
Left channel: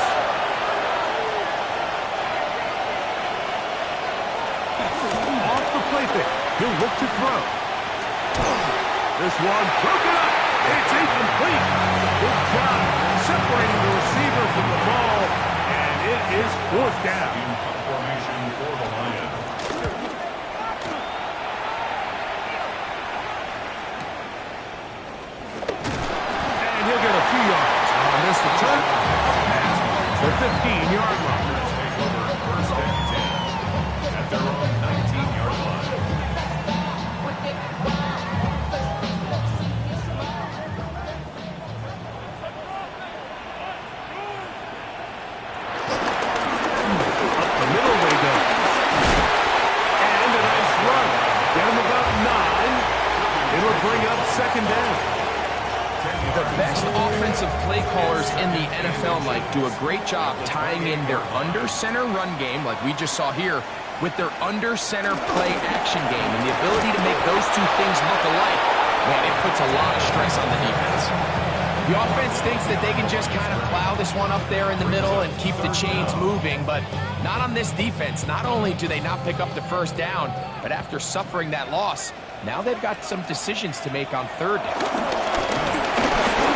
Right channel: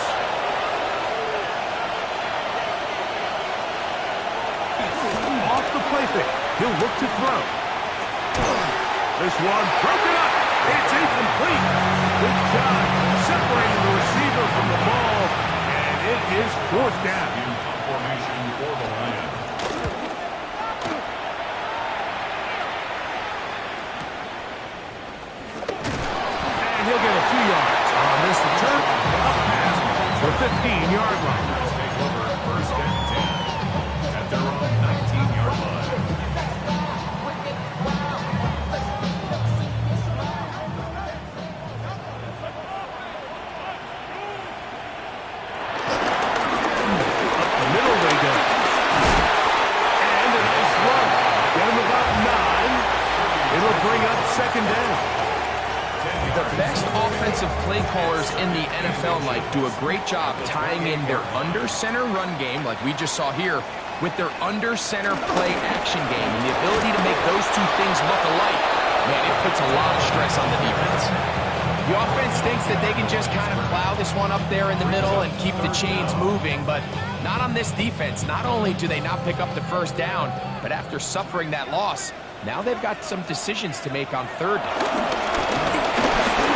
Off the play fake. He'll look to throw. This one broken up. It's incomplete. Good job separating the receiver from the ball, and it is 4th down. In punt formation for the Lions. And he'll get a few yards on this return. Up past the 15-yard line. Take over 1st and 10 at their own 19-yard line. Middle they go. And a nice run. Get him about 9. It'll bring up 2nd down. The best offensive play callers in the NFL, Mike, do a great job tying in their under-center run game, like we just saw here, with their under-center play action game. And the ability to make those 2 things look alike, man, it puts a lot of stress on the defense. The offense thinks that they can just kind of plow this one up there in the middle and keep the chains moving, but not on this defense. Not only do they not pick up the 1st down, but after suffering that loss, now they've got some decisions to make on 3rd down.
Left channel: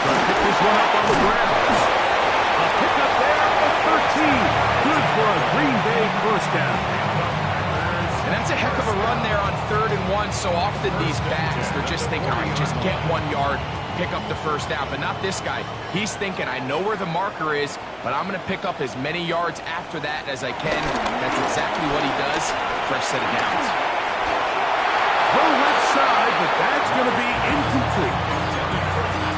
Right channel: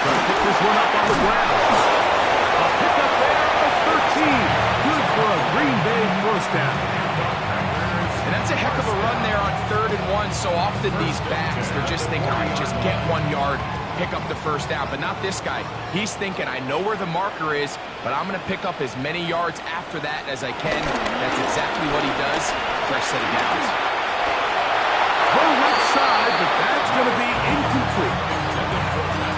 Trying to pick this one up on the ground. A pickup there of 13. Good for a Green Bay 1st down. And that's a heck of a run there on 3rd and 1. So often these backs, they're just thinking, all right, just get 1 yard, pick up the 1st down. But not this guy. He's thinking, I know where the marker is, but I'm going to pick up as many yards after that as I can. That's exactly what he does. Fresh set of downs. throw left side, but that's going to be incomplete.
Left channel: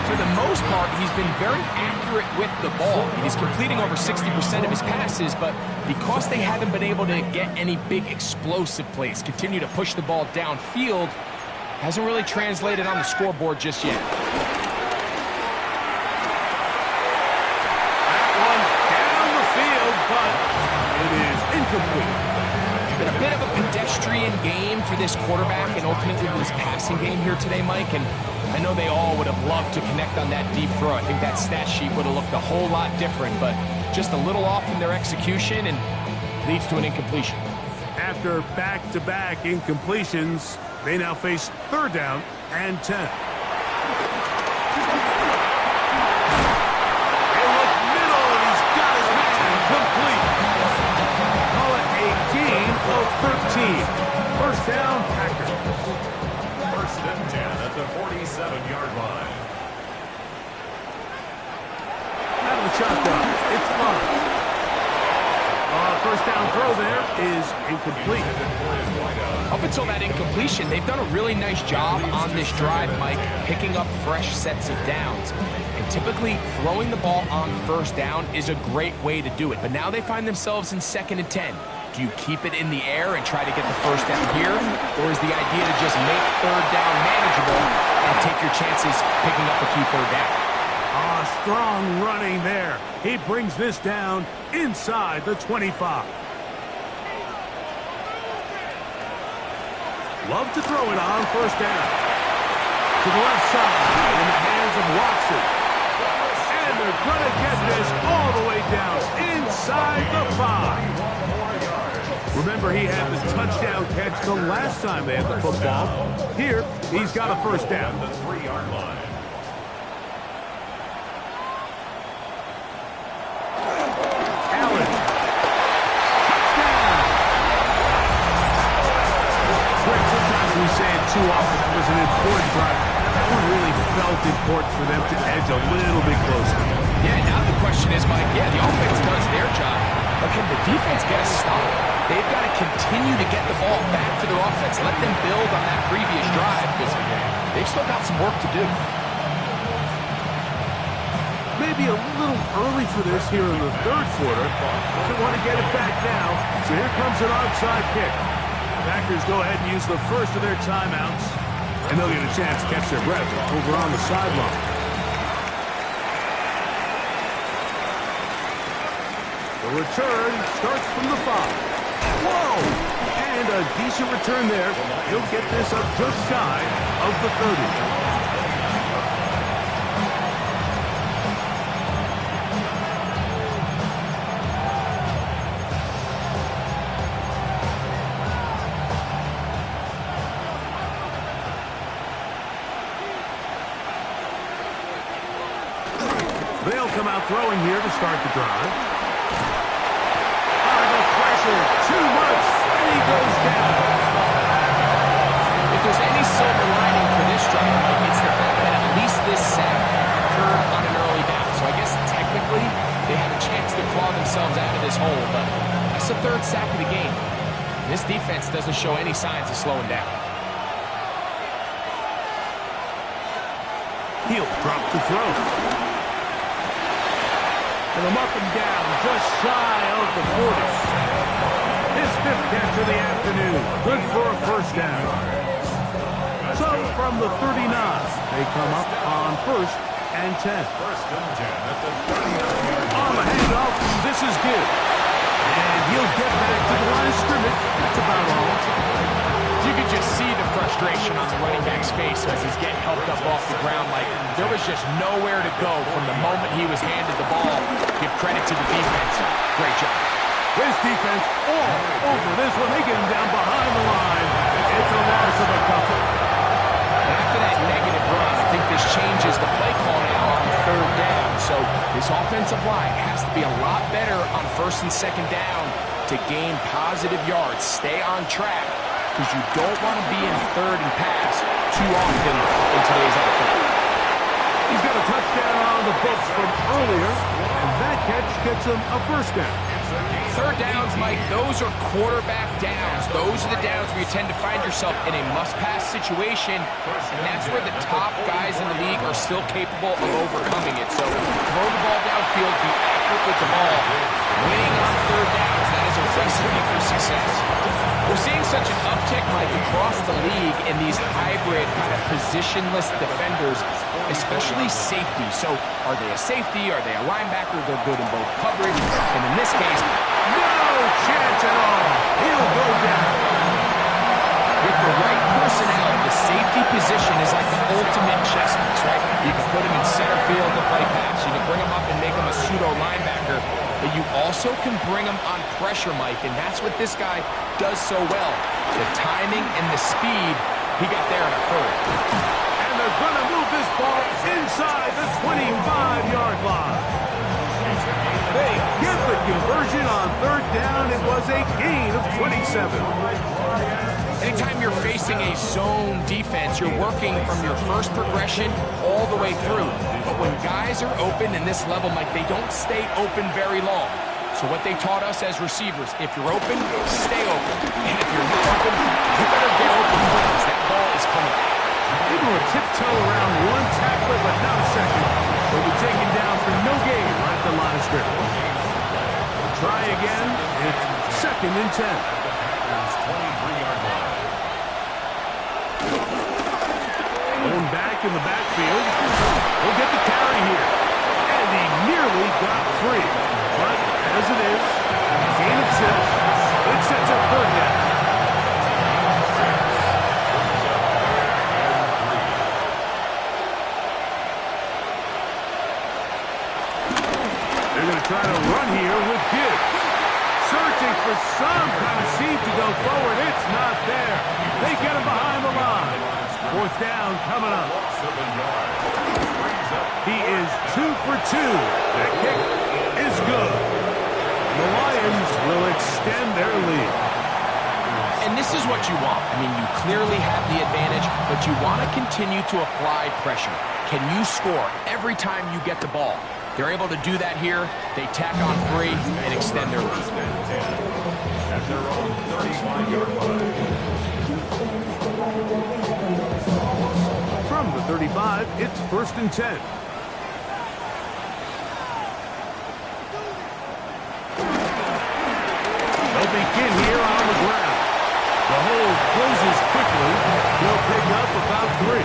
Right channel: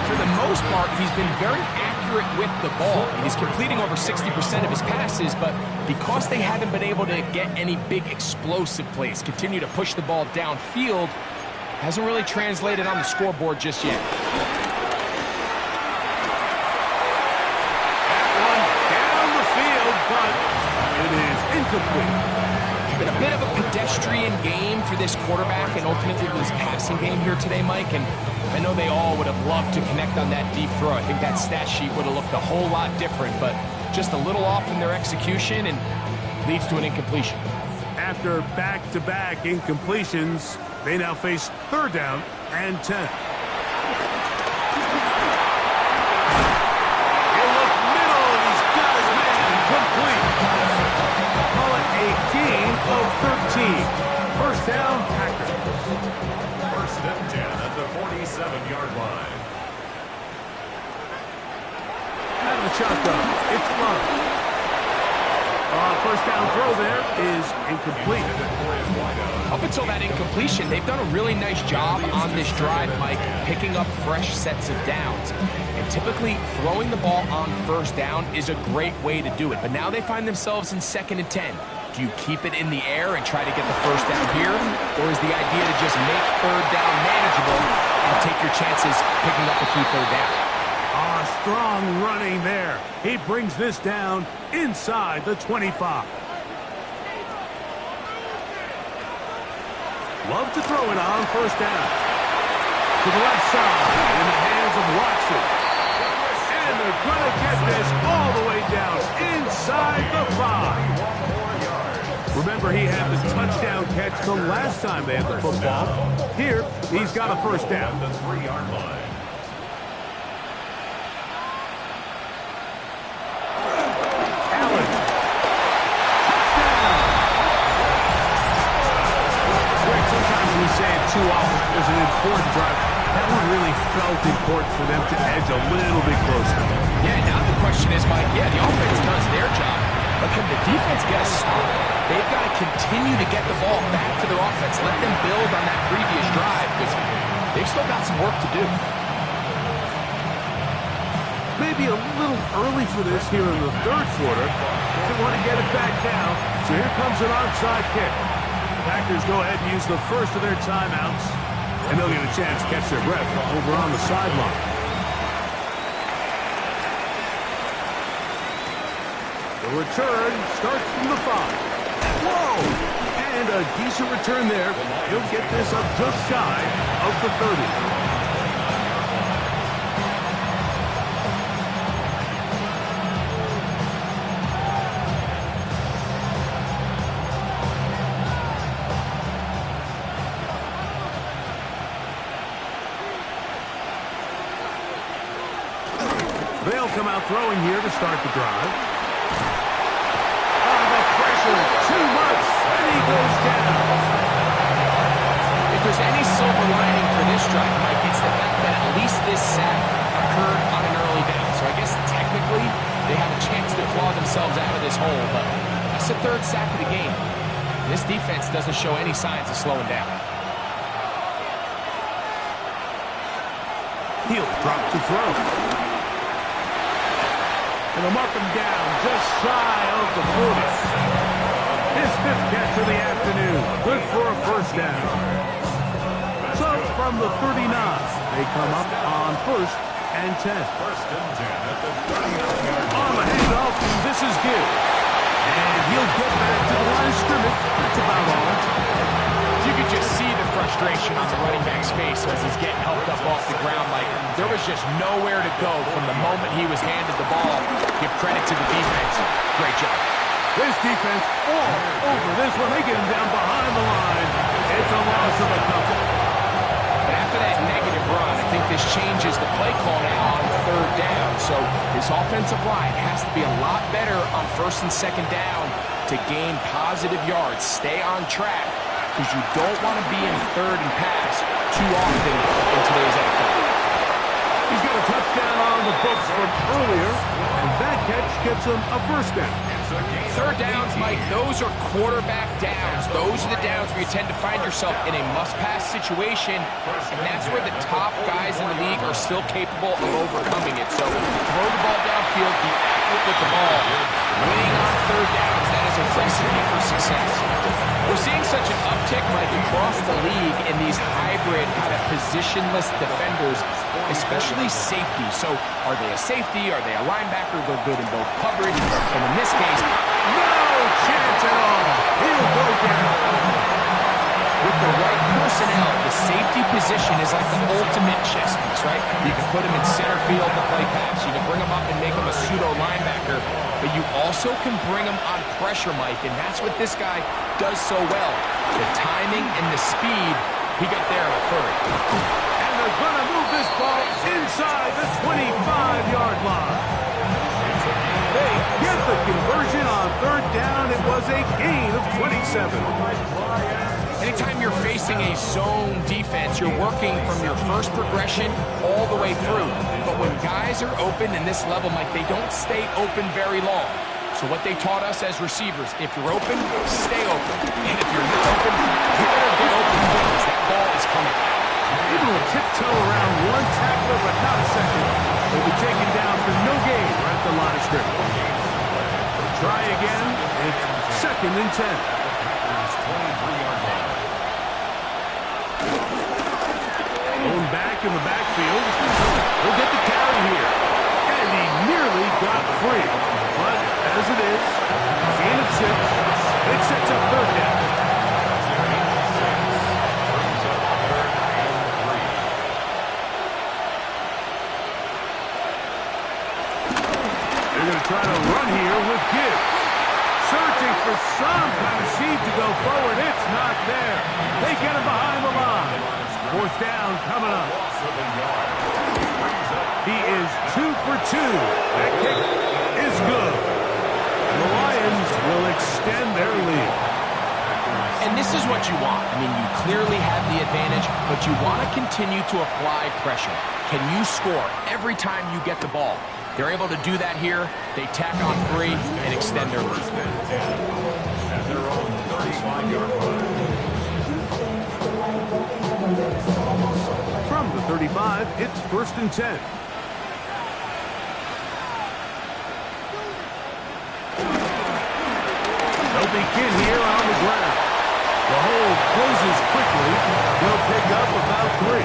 For the most part, he's been very accurate with the ball. He's completing over 60% of his passes, but because they haven't been able to get any big explosive plays, continue to push the ball downfield, hasn't really translated on the scoreboard just yet. That one down the field, but it is incomplete. It's been a bit of a pedestrian game for this quarterback and ultimately this passing game here today, Mike, and I know they all would have loved to connect on that deep throw. I think that stat sheet would have looked a whole lot different, but just a little off in their execution and leads to an incompletion. After back-to-back incompletions, they now face 3rd down and 10. He'll look middle, and he's got his man complete. Call it a gain of 13. 1st down, Packers. 1st and 10 at the 47-yard line. Out of the shotgun, it's Love. 1st down throw there is incomplete. Up until that incompletion, they've done a really nice job on this drive, Mike, picking up fresh sets of downs. And typically, throwing the ball on 1st down is a great way to do it. But now they find themselves in 2nd and 10. Do you keep it in the air and try to get the 1st down here? Or is the idea to just make 3rd down manageable and take your chances picking up a key 3rd down? Strong running there. He brings this down inside the 25. Love to throw it on 1st down. To the left side in the hands of Watson. And they're going to get this all the way down inside the 5. Remember, he had the touchdown catch the last time they had the football. Here, he's got a 1st down. The 3-yard line. Allen. Touchdown! Greg, sometimes we say it too often. That was an important drive. That one really felt important for them to edge a little bit closer. Yeah, now the question is, Mike, the offense does their job, but can the defense get a stop? They've got to continue to get the ball back to their offense. Let them build on that previous drive because they've still got some work to do. Maybe a little early for this here in the 3rd quarter. They want to get it back now, so here comes an onside kick. Packers go ahead and use the first of their timeouts, and they'll get a chance to catch their breath over on the sideline. The return starts from the 5. Whoa! And a decent return there. He'll get this up just shy of the 30. They'll come out throwing here to start the drive. The pressure, too much, and he goes down. If there's any silver lining for this drive, Mike, it's the fact that at least this sack occurred on an early down. So I guess technically they have a chance to claw themselves out of this hole, but that's the 3rd sack of the game. This defense doesn't show any signs of slowing down. He'll drop to throw. And they'll mark him down just shy of the 40. His 5th catch of the afternoon. Good for a 1st down. So from the 39, they come up on 1st and 10. 1st and 10 at the 39-yard line. On the handoff, this is good. And he'll get back to the line of scrimmage. That's about all. You could just see the frustration on the running back's face as he's getting helped up off the ground. Like, there was just nowhere to go from the moment he was handed the ball. Give credit to the defense. Great job. This defense all over this one. They get him down behind the line. It's a loss of a couple. But after that negative run, I think this changes the play call now on 3rd down. So this offensive line has to be a lot better on 1st and 2nd down to gain positive yards. Stay on track, because you don't want to be in 3rd and pass too often in today's NFL. He's got a touchdown on the books from earlier, and that catch gets him a first down. Third downs, Mike, those are quarterback downs. Those are the downs where you tend to find yourself in a must-pass situation, and that's where the top guys in the league are still capable of overcoming it. So throw the ball downfield, be accurate with the ball. Winning on third downs, that is a recipe for success. We're seeing such an uptick, Mike, across the league in these hybrid kind of positionless defenders, especially safety. So are they a safety? Are they a linebacker? They're good in both coverage. And in this case, no chance at all. He'll go down. With the right personnel, the safety position is like the ultimate chess piece, right? You can put him in center field to play pass. You can bring him up and make him a pseudo linebacker. But you also can bring him on pressure, Mike, and that's what this guy does so well. The timing and the speed, he got there in a hurry. And they're going to move this ball inside the 25-yard line. They get the conversion on third down. It was a gain of 27. Anytime you're facing a zone defense, you're working from your first progression all the way through. But when guys are open in this level, Mike, they don't stay open very long. So what they taught us as receivers, if you're open, stay open. And if you're not open, you better get open because that ball is coming out. Able to tiptoe around one tackler, but not a second. He'll be taken down for no gain right at the line of scrimmage. Try again. It's 2nd and 10. 23-yard line. Going back in the backfield. He'll get the carry here. And he nearly got free. But as it is, gain of 6. It sets up third down. They're going to try to run here with Gibbs. Searching for some kind of seed to go forward. It's not there. They get him behind the line. 4th down coming up. He is 2 for 2. That kick is good. And the Lions will extend their lead. And this is what you want. I mean, you clearly have the advantage, but you want to continue to apply pressure. Can you score every time you get the ball? They're able to do that here. They tack on 3 and extend their lead. At their own 35-yard line. From the 35, it's 1st and 10. They'll begin here on the ground. The hole closes quickly. He'll pick up about 3.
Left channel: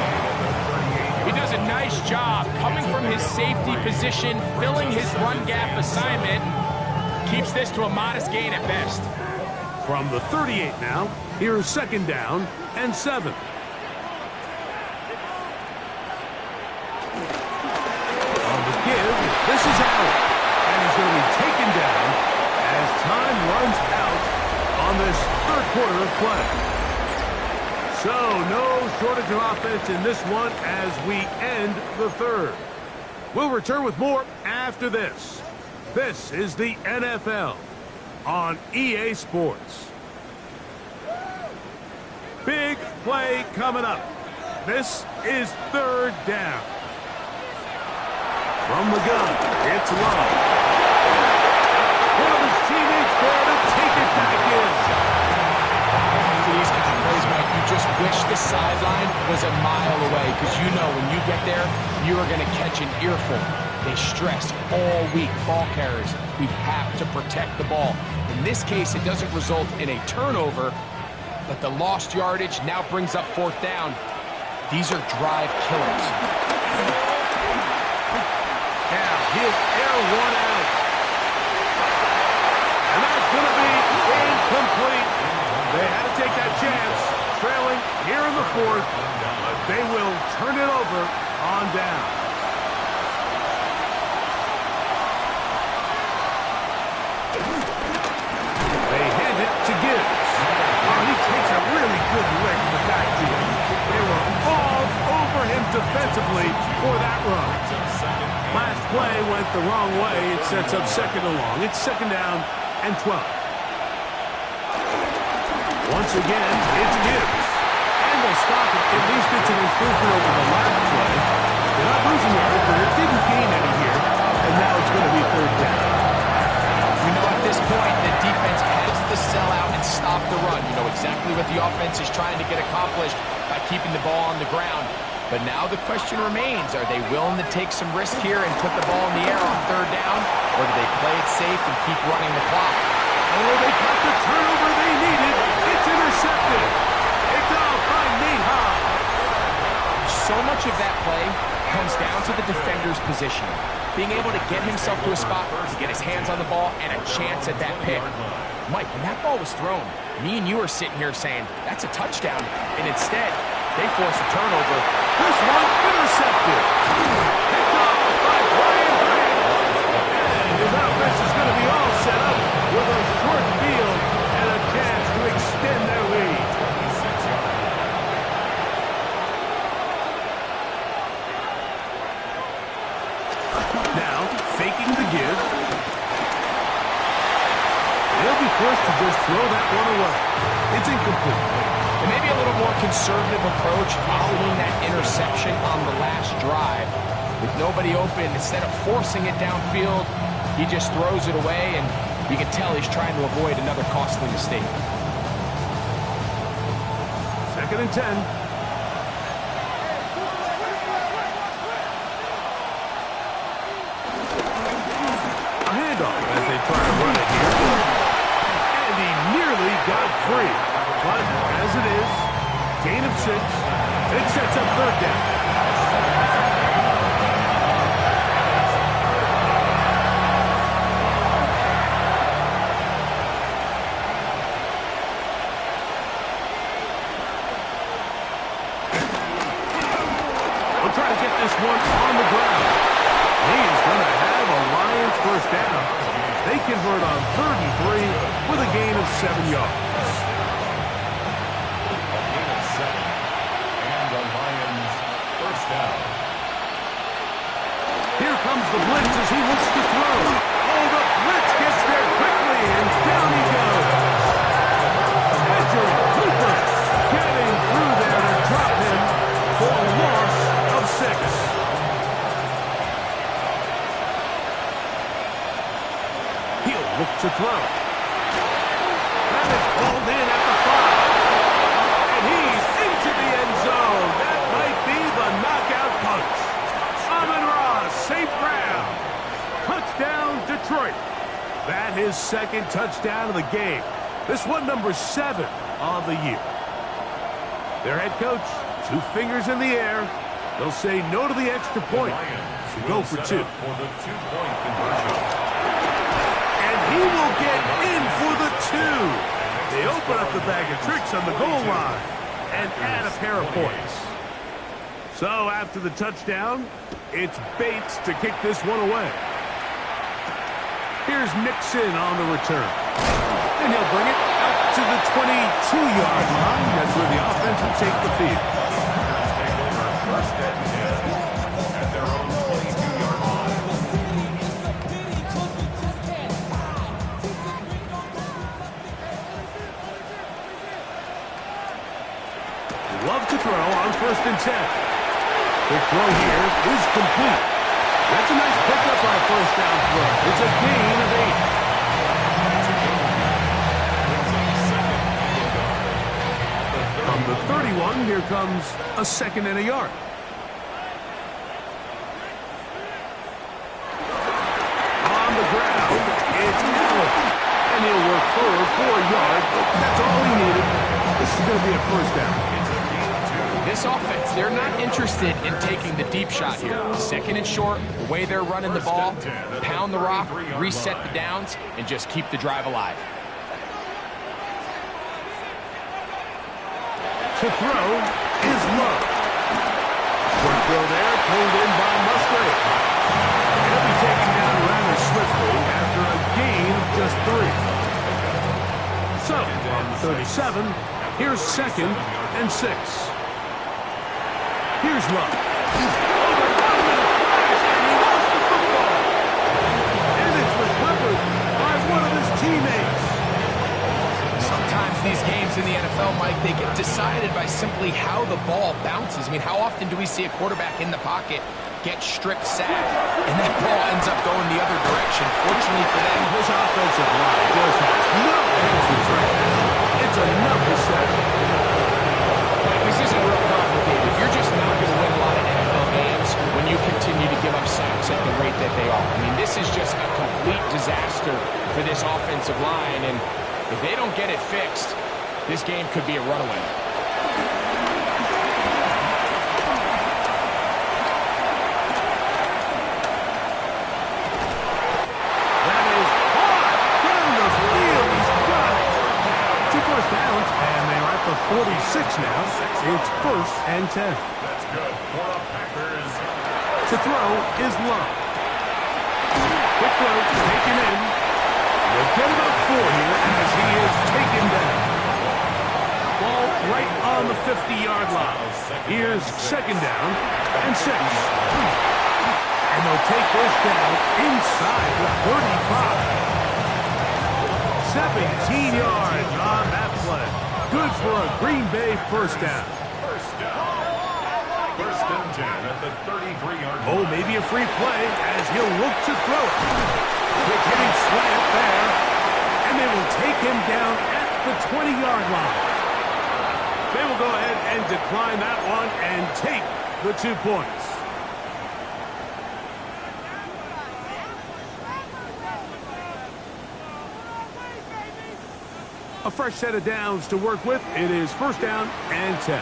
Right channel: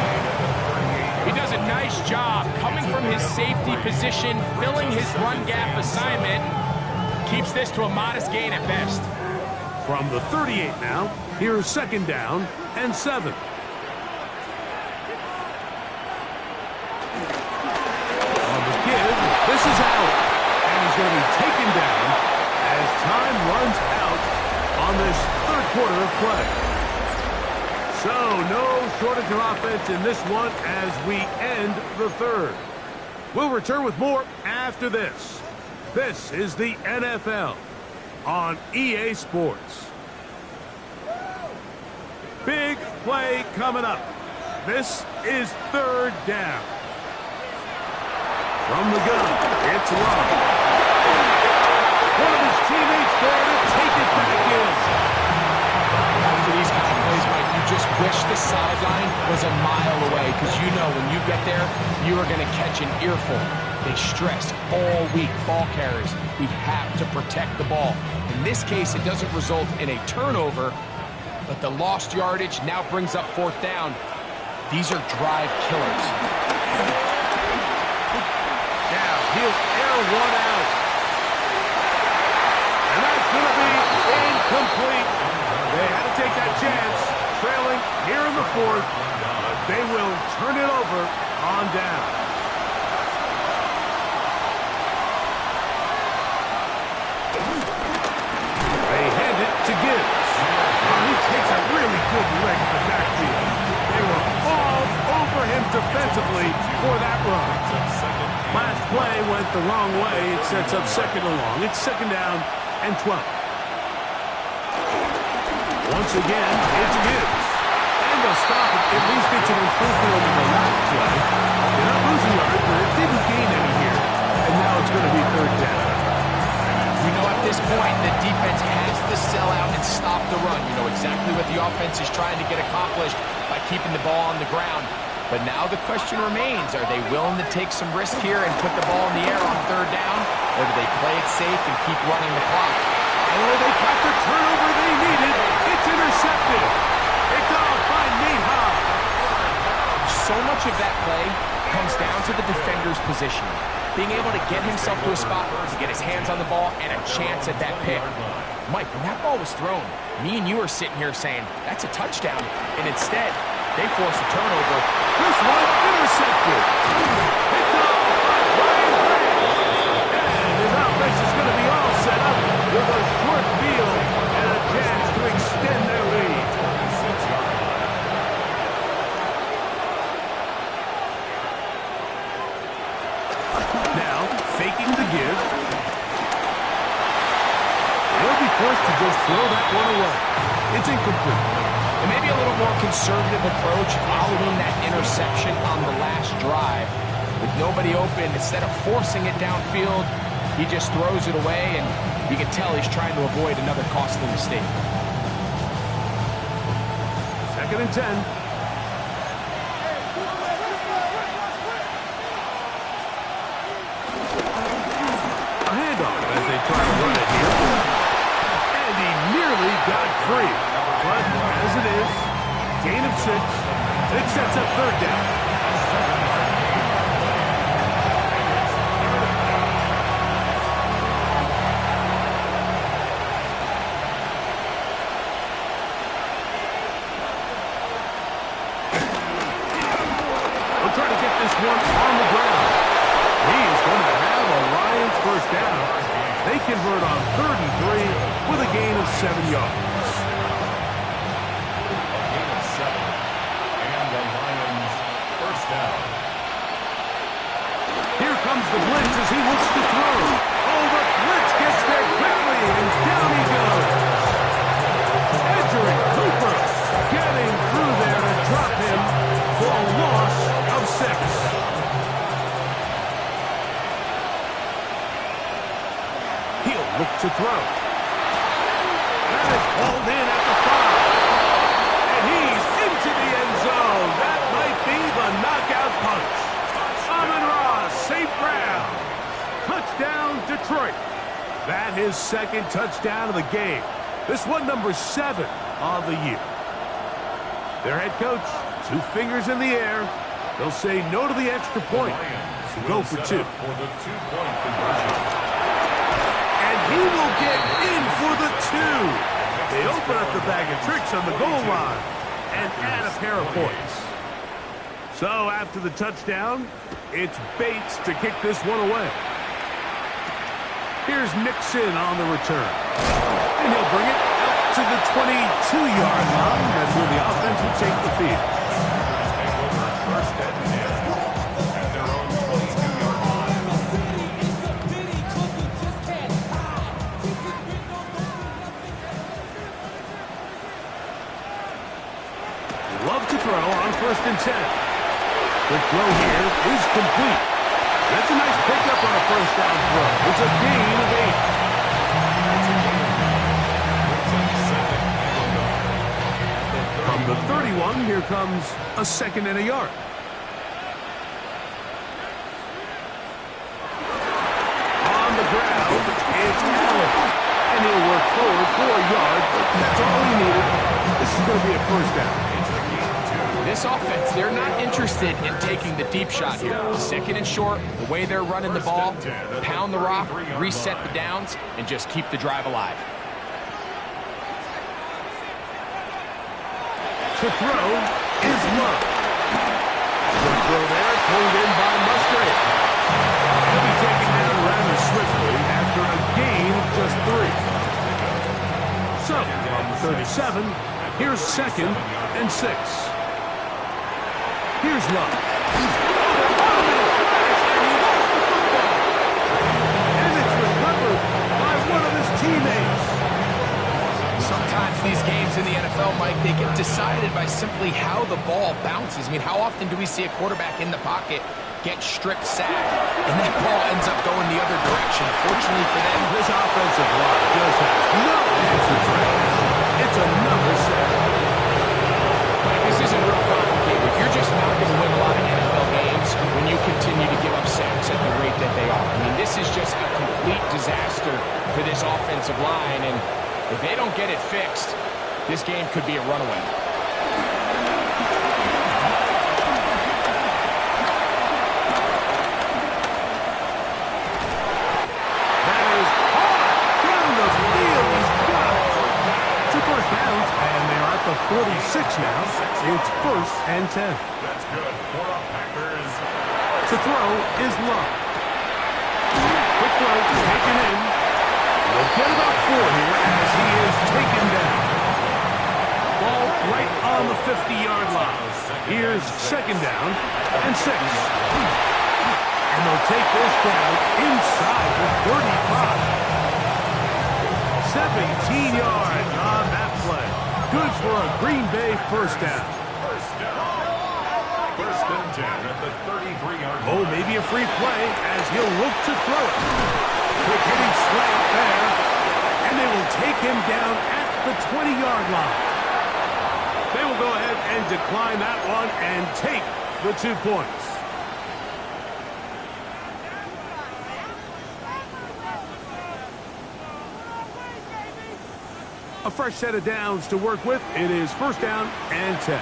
He does a nice job coming from his safety position, filling his run gap assignment. Keeps this to a modest gain at best. From the 38 now, here's 2nd down and 7. On the give, this is Allen. And he's going to be taken down as time runs out on this 3rd quarter of play. So, no shortage of offense in this one as we end the 3rd. We'll return with more after this. This is the NFL on EA Sports. Big play coming up. This is 3rd down. From the gun, it's Love. One of his teammates there to take it back in. After these kind of plays, Mike, you just wish the sideline was a mile away because you know when you get there, you are going to catch an earful. They stress all week, ball carriers. We have to protect the ball. In this case, it doesn't result in a turnover, but the lost yardage now brings up 4th down. These are drive killers. Now, he'll air one out. And that's going to be incomplete. They had to take that chance, trailing here in the 4th, but they will turn it over on down. They hand it to Gibbs. Oh, he takes a really good lick in the backfield. They were all over him defensively for that run. Last play went the wrong way. It sets up 2nd and long. It's 2nd down and 12. Once again, it's Gibbs. And they'll stop it. At least it's an improvement over the last play. They're not losing yards, but it didn't gain any here. And now it's going to be third down. You know, at this point, the defense has to sell out and stop the run. You know exactly what the offense is trying to get accomplished by keeping the ball on the ground. But now the question remains, are they willing to take some risk here and put the ball in the air on third down? Or do they play it safe and keep running the clock? Oh, they got the turnover they needed. It's intercepted. Picked off by Nate Hobbs. So much of that play comes down to the defender's positioning. Being able to get himself to a spot to get his hands on the ball and a chance at that pick. Mike, when that ball was thrown, me and you are sitting here saying, that's a touchdown. And instead, they force a turnover. This one intercepted. Picked off by Brian Grant. And his offense is going to be all set up with a short field and a chance to extend their lead. 26-yard line. Now, faking the give. They'll be forced to just throw that one away. It's incomplete. And maybe a little more conservative approach following that interception on the last drive. With nobody open, instead of forcing it downfield, he just throws it away, and you can tell he's trying to avoid another costly mistake. 2nd and 10. A handoff as they try to run it here. And he nearly got free. But as it is, gain of 6. It sets up third down. They'll try to get this one on the ground. He is going to have a Lions first down. They convert on 3rd and 3 with a gain of 7 yards. A gain of 7. And the Lions first down. Here comes the blitz as he looks to throw. Oh, the blitz gets there quickly, and down he goes. Edgerrin Cooper getting through there to drop him for a loss of 6. He'll look to throw. That is hauled in at the 5. And he's into the end zone. That might be the knockout punch. Amon-Ra St. Brown. Touchdown, Detroit. That his 2nd touchdown of the game. This one number 7 on the year. Their head coach, 2 fingers in the air. They'll say no to the extra point. Go for 2. For the 2-point conversion. And he will get in for the 2. They open up the bag of tricks on the goal line and add a pair of points. So after the touchdown, it's Bates to kick this one away. Here's Nixon on the return. And he'll bring it out to the 22-yard line. That's where the offense will take the field. Packers take over 1st and 10 at their own 22-yard line. Love to throw on 1st and 10. Quick throw here is complete. That's a nice pickup on a first down throw. It's a gain of 8. From the 31, here comes a 2nd and a yard. On the ground, it's Allen. And he'll work forward for a yard. That's all he needed. This is going to be a first down. This offense, they're not interested in taking the deep shot here. 2nd and short, the way they're running the ball, pound the rock, reset the downs, and just keep the drive alive. To throw is Love. Short throw there, pulled in by Musgrave. He'll be taken down rather swiftly after a gain of just 3. So, from the 37, here's 2nd and 6. Here's Love. Oh, they're on him in a flash, and he lost the football. And it's recovered by one of his teammates. Sometimes these games in the NFL, Mike, they get decided by simply how the ball bounces. I mean, how often do we see a quarterback in the pocket get strip sacked, and that ball ends up going the other direction. Fortunately for them, This offensive line just has no answers right now. It's another sack. Mike, this isn't real complicated. You're just not going to win a lot of NFL games when you continue to give up sacks at the rate that they are. I mean, this is just a complete disaster for this offensive line, and if they don't get it fixed, this game could be a runaway. That is hard down the field. He's got it. It's a first down, and they're at the 46 now. It's 1st and 10. That's good for the Packers. To throw is Love. Quick throw taken in. They'll get about 4 here as he is taken down. Ball right on the 50-yard line. Here's 2nd down and 6. And they'll take this down inside the 35. 17 yards on that play. Good for a Green Bay first down. First down. 1st and 10 at the 33-yard line. Oh, maybe a free play as he'll look to throw it. Quick hitting slant there. And they will take him down at the 20-yard line. They will go ahead and decline that one and take the 2 points. A fresh set of downs to work with. It is 1st down and 10.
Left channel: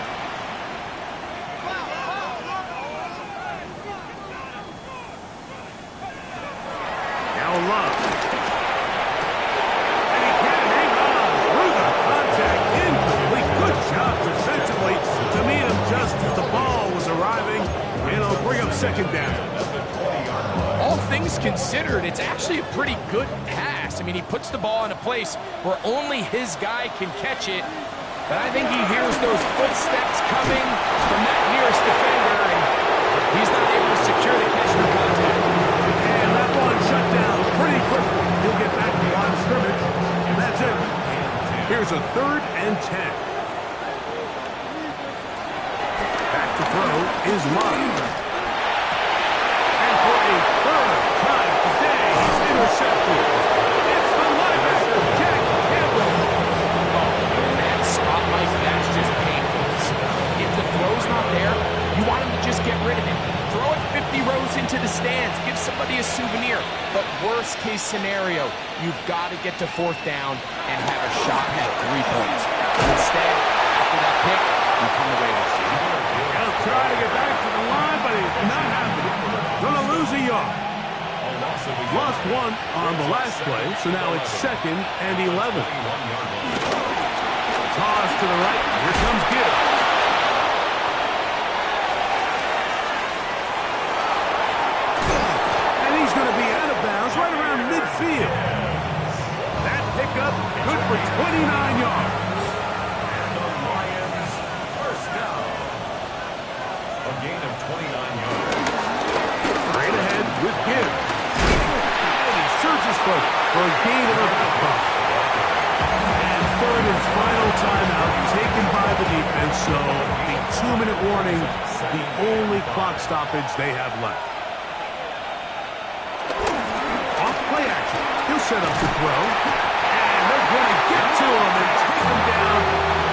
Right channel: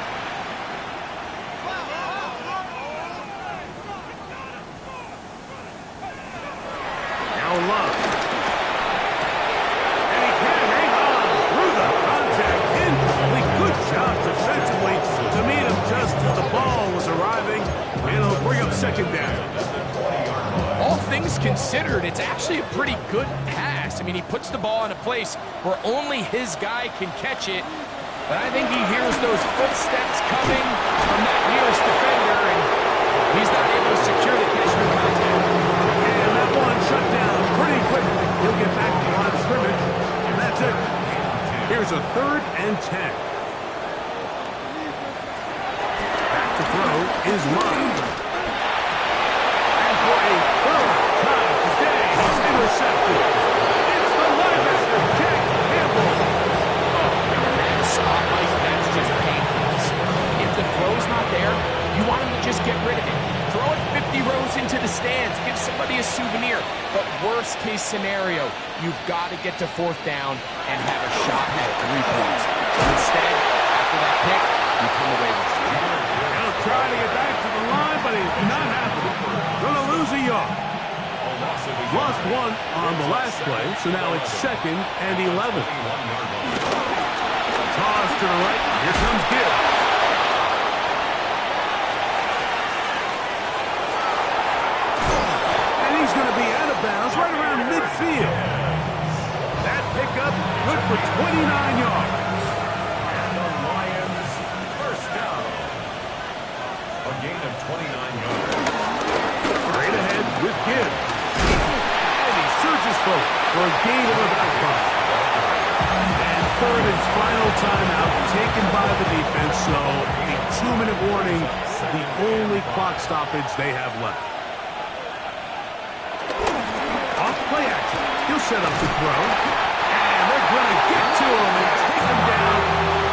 Now Love. And he can't hang on through the contact. Incomplete. Good job defensively to meet him just as the ball was arriving. And it'll bring up 2nd down. All things considered, it's actually a pretty good pass. I mean, he puts the ball in a place where only his guy can catch it. But I think he hears those footsteps coming from that nearest defender, and he's not able to secure the catch through contact. And that one shut down pretty quickly. He'll get back to the line of scrimmage, and that's it. Here's a 3rd and 10. Back to throw is Love. And for a 3rd time today, he's intercepted. It's the linebacker, Jack Campbell. Oh, in that spot, Mike, that's just painful. If the throw's not there, you want him to just get rid of it. Throw it 50 rows into the stands. Give somebody a souvenir. But worst case scenario, you've got to get to 4th down and have a shot at 3 points. Instead, after that pick, you come away with 0. He'll try to get back to the line, but it's not happening. Gonna lose a yard. Lost 1 on the last play, so now it's 2nd and 11. Toss to the right. Here comes Gibbs. And he's going to be out of bounds right around midfield. That pickup good for 29 yards. And the Lions first down. A gain of 29 yards. Straight ahead with Gibbs. And he surges forward for a gain of about 5. And 3rd and final timeout taken by the defense, so the 2-minute warning, the only clock stoppage they have left. Off play action. He'll set up the throw. And they're going to get to him and take him down,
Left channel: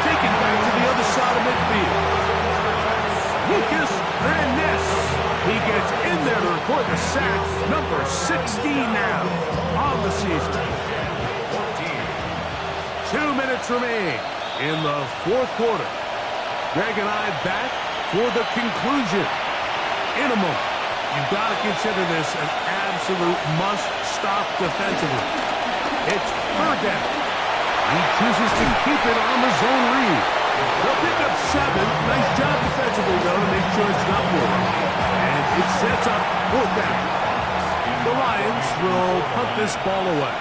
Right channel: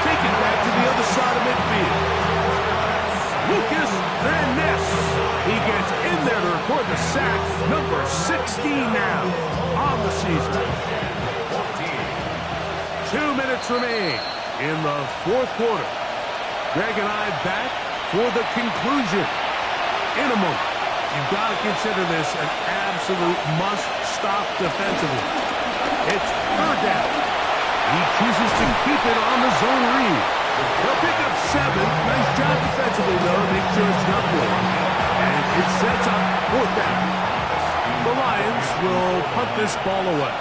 take it back to the other side of midfield. Lucas Van Ness. He gets in there to record the sack, number 16 now on the season. 2 minutes remain in the 4th quarter. Greg and I back for the conclusion in a moment. You've got to consider this an absolute must-stop defensively. It's 3rd down. He chooses to keep it on the zone read. They'll pick up 7. Nice job defensively, though, to make sure it's not more. And it sets up 4th down. The Lions will punt this ball away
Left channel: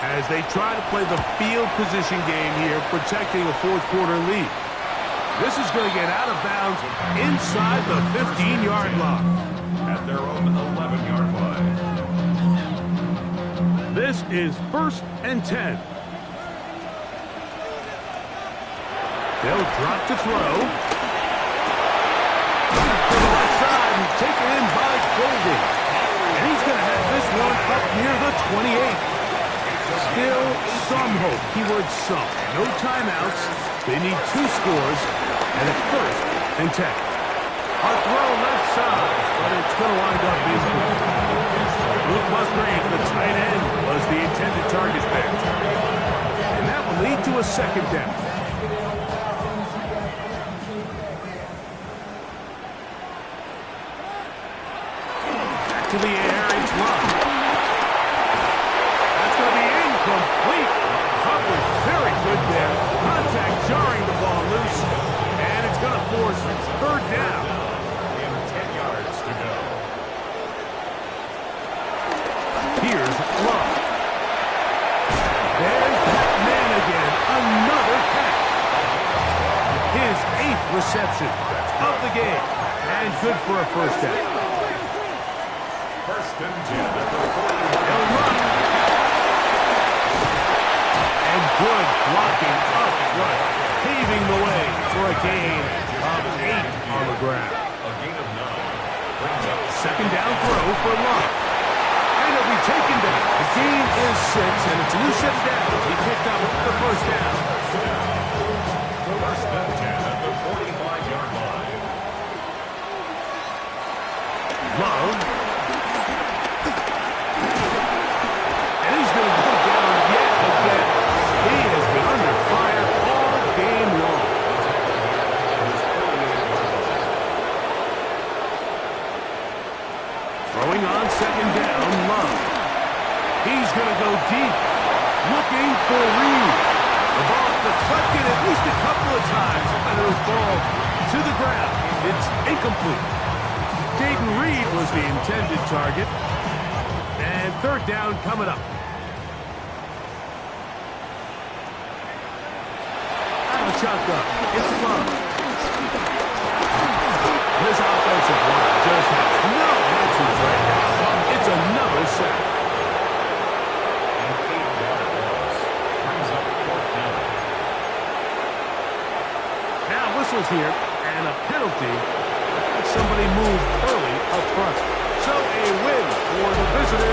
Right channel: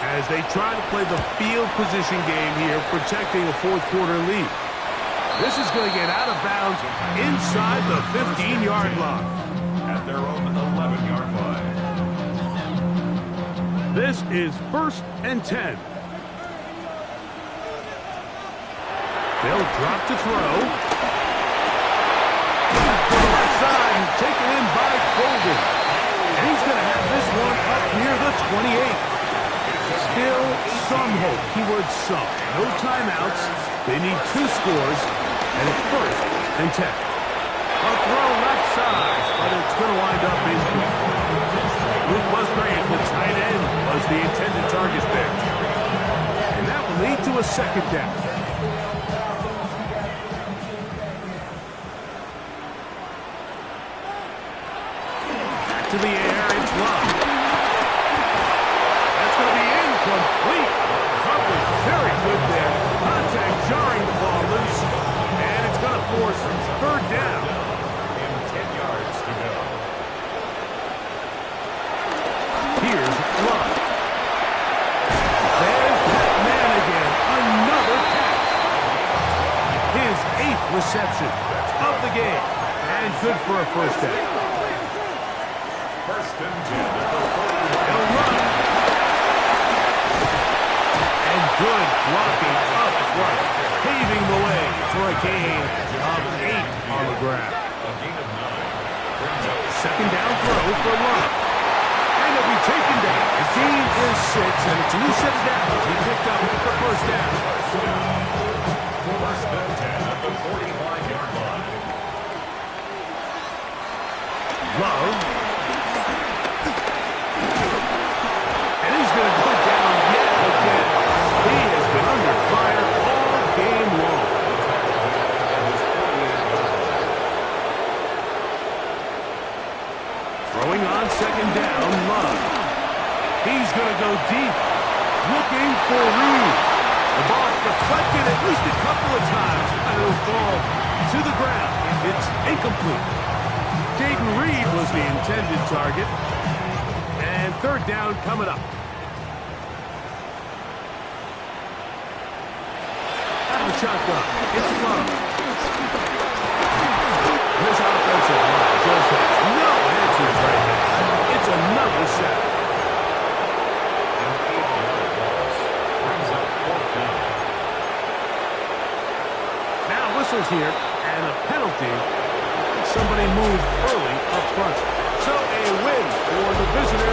as they try to play the field position game here, protecting a 4th quarter lead. This is going to get out of bounds inside the 15-yard line. At their own 11-yard line. This is 1st and 10. They'll drop to throw. To the left side, and taken in by Golden. And he's going to have this one up near the 28. Still some hope. Keyword some. No timeouts. They need 2 scores. And it's 1st and 10. A throw left side, but it's going to wind up incomplete. Luke Musgrave, the tight end, was the intended target there. And that will lead to a 2nd down. Back to the air, it's Love. That's going to be incomplete. Coverage very good there. Contact jarring the ball loose. And it's going to force 3rd down. In 10 yards to go. Here's Love. There's that man again. Another catch. His 8th reception of the game. And good for a 1st down. 1st and 10 at the 40. He'll run. And good blocking up front, paving the way for a gain of 8 on the ground. A gain of 9 brings up 2nd down throw for Love. And he'll be taken down. The gain is 6, and it's a new set of downs. He picked up the 1st down. 1st and 10 at the 45-yard line. Love. And he's going to go down yet again. He has been under fire all game long. Throwing on 2nd down, Love. He's going to go deep, looking for Reed. The ball deflected at least a couple of times, and it'll fall to the ground. It's incomplete. Dayton Reed was the intended target. And 3rd down coming up. Out of the shotgun, it's Love. This offensive line just has no answers right now. It's another sack. An 8-yard loss brings up 4th down. Now whistles here, and a penalty. Somebody moved early up front. So a win for the visitors.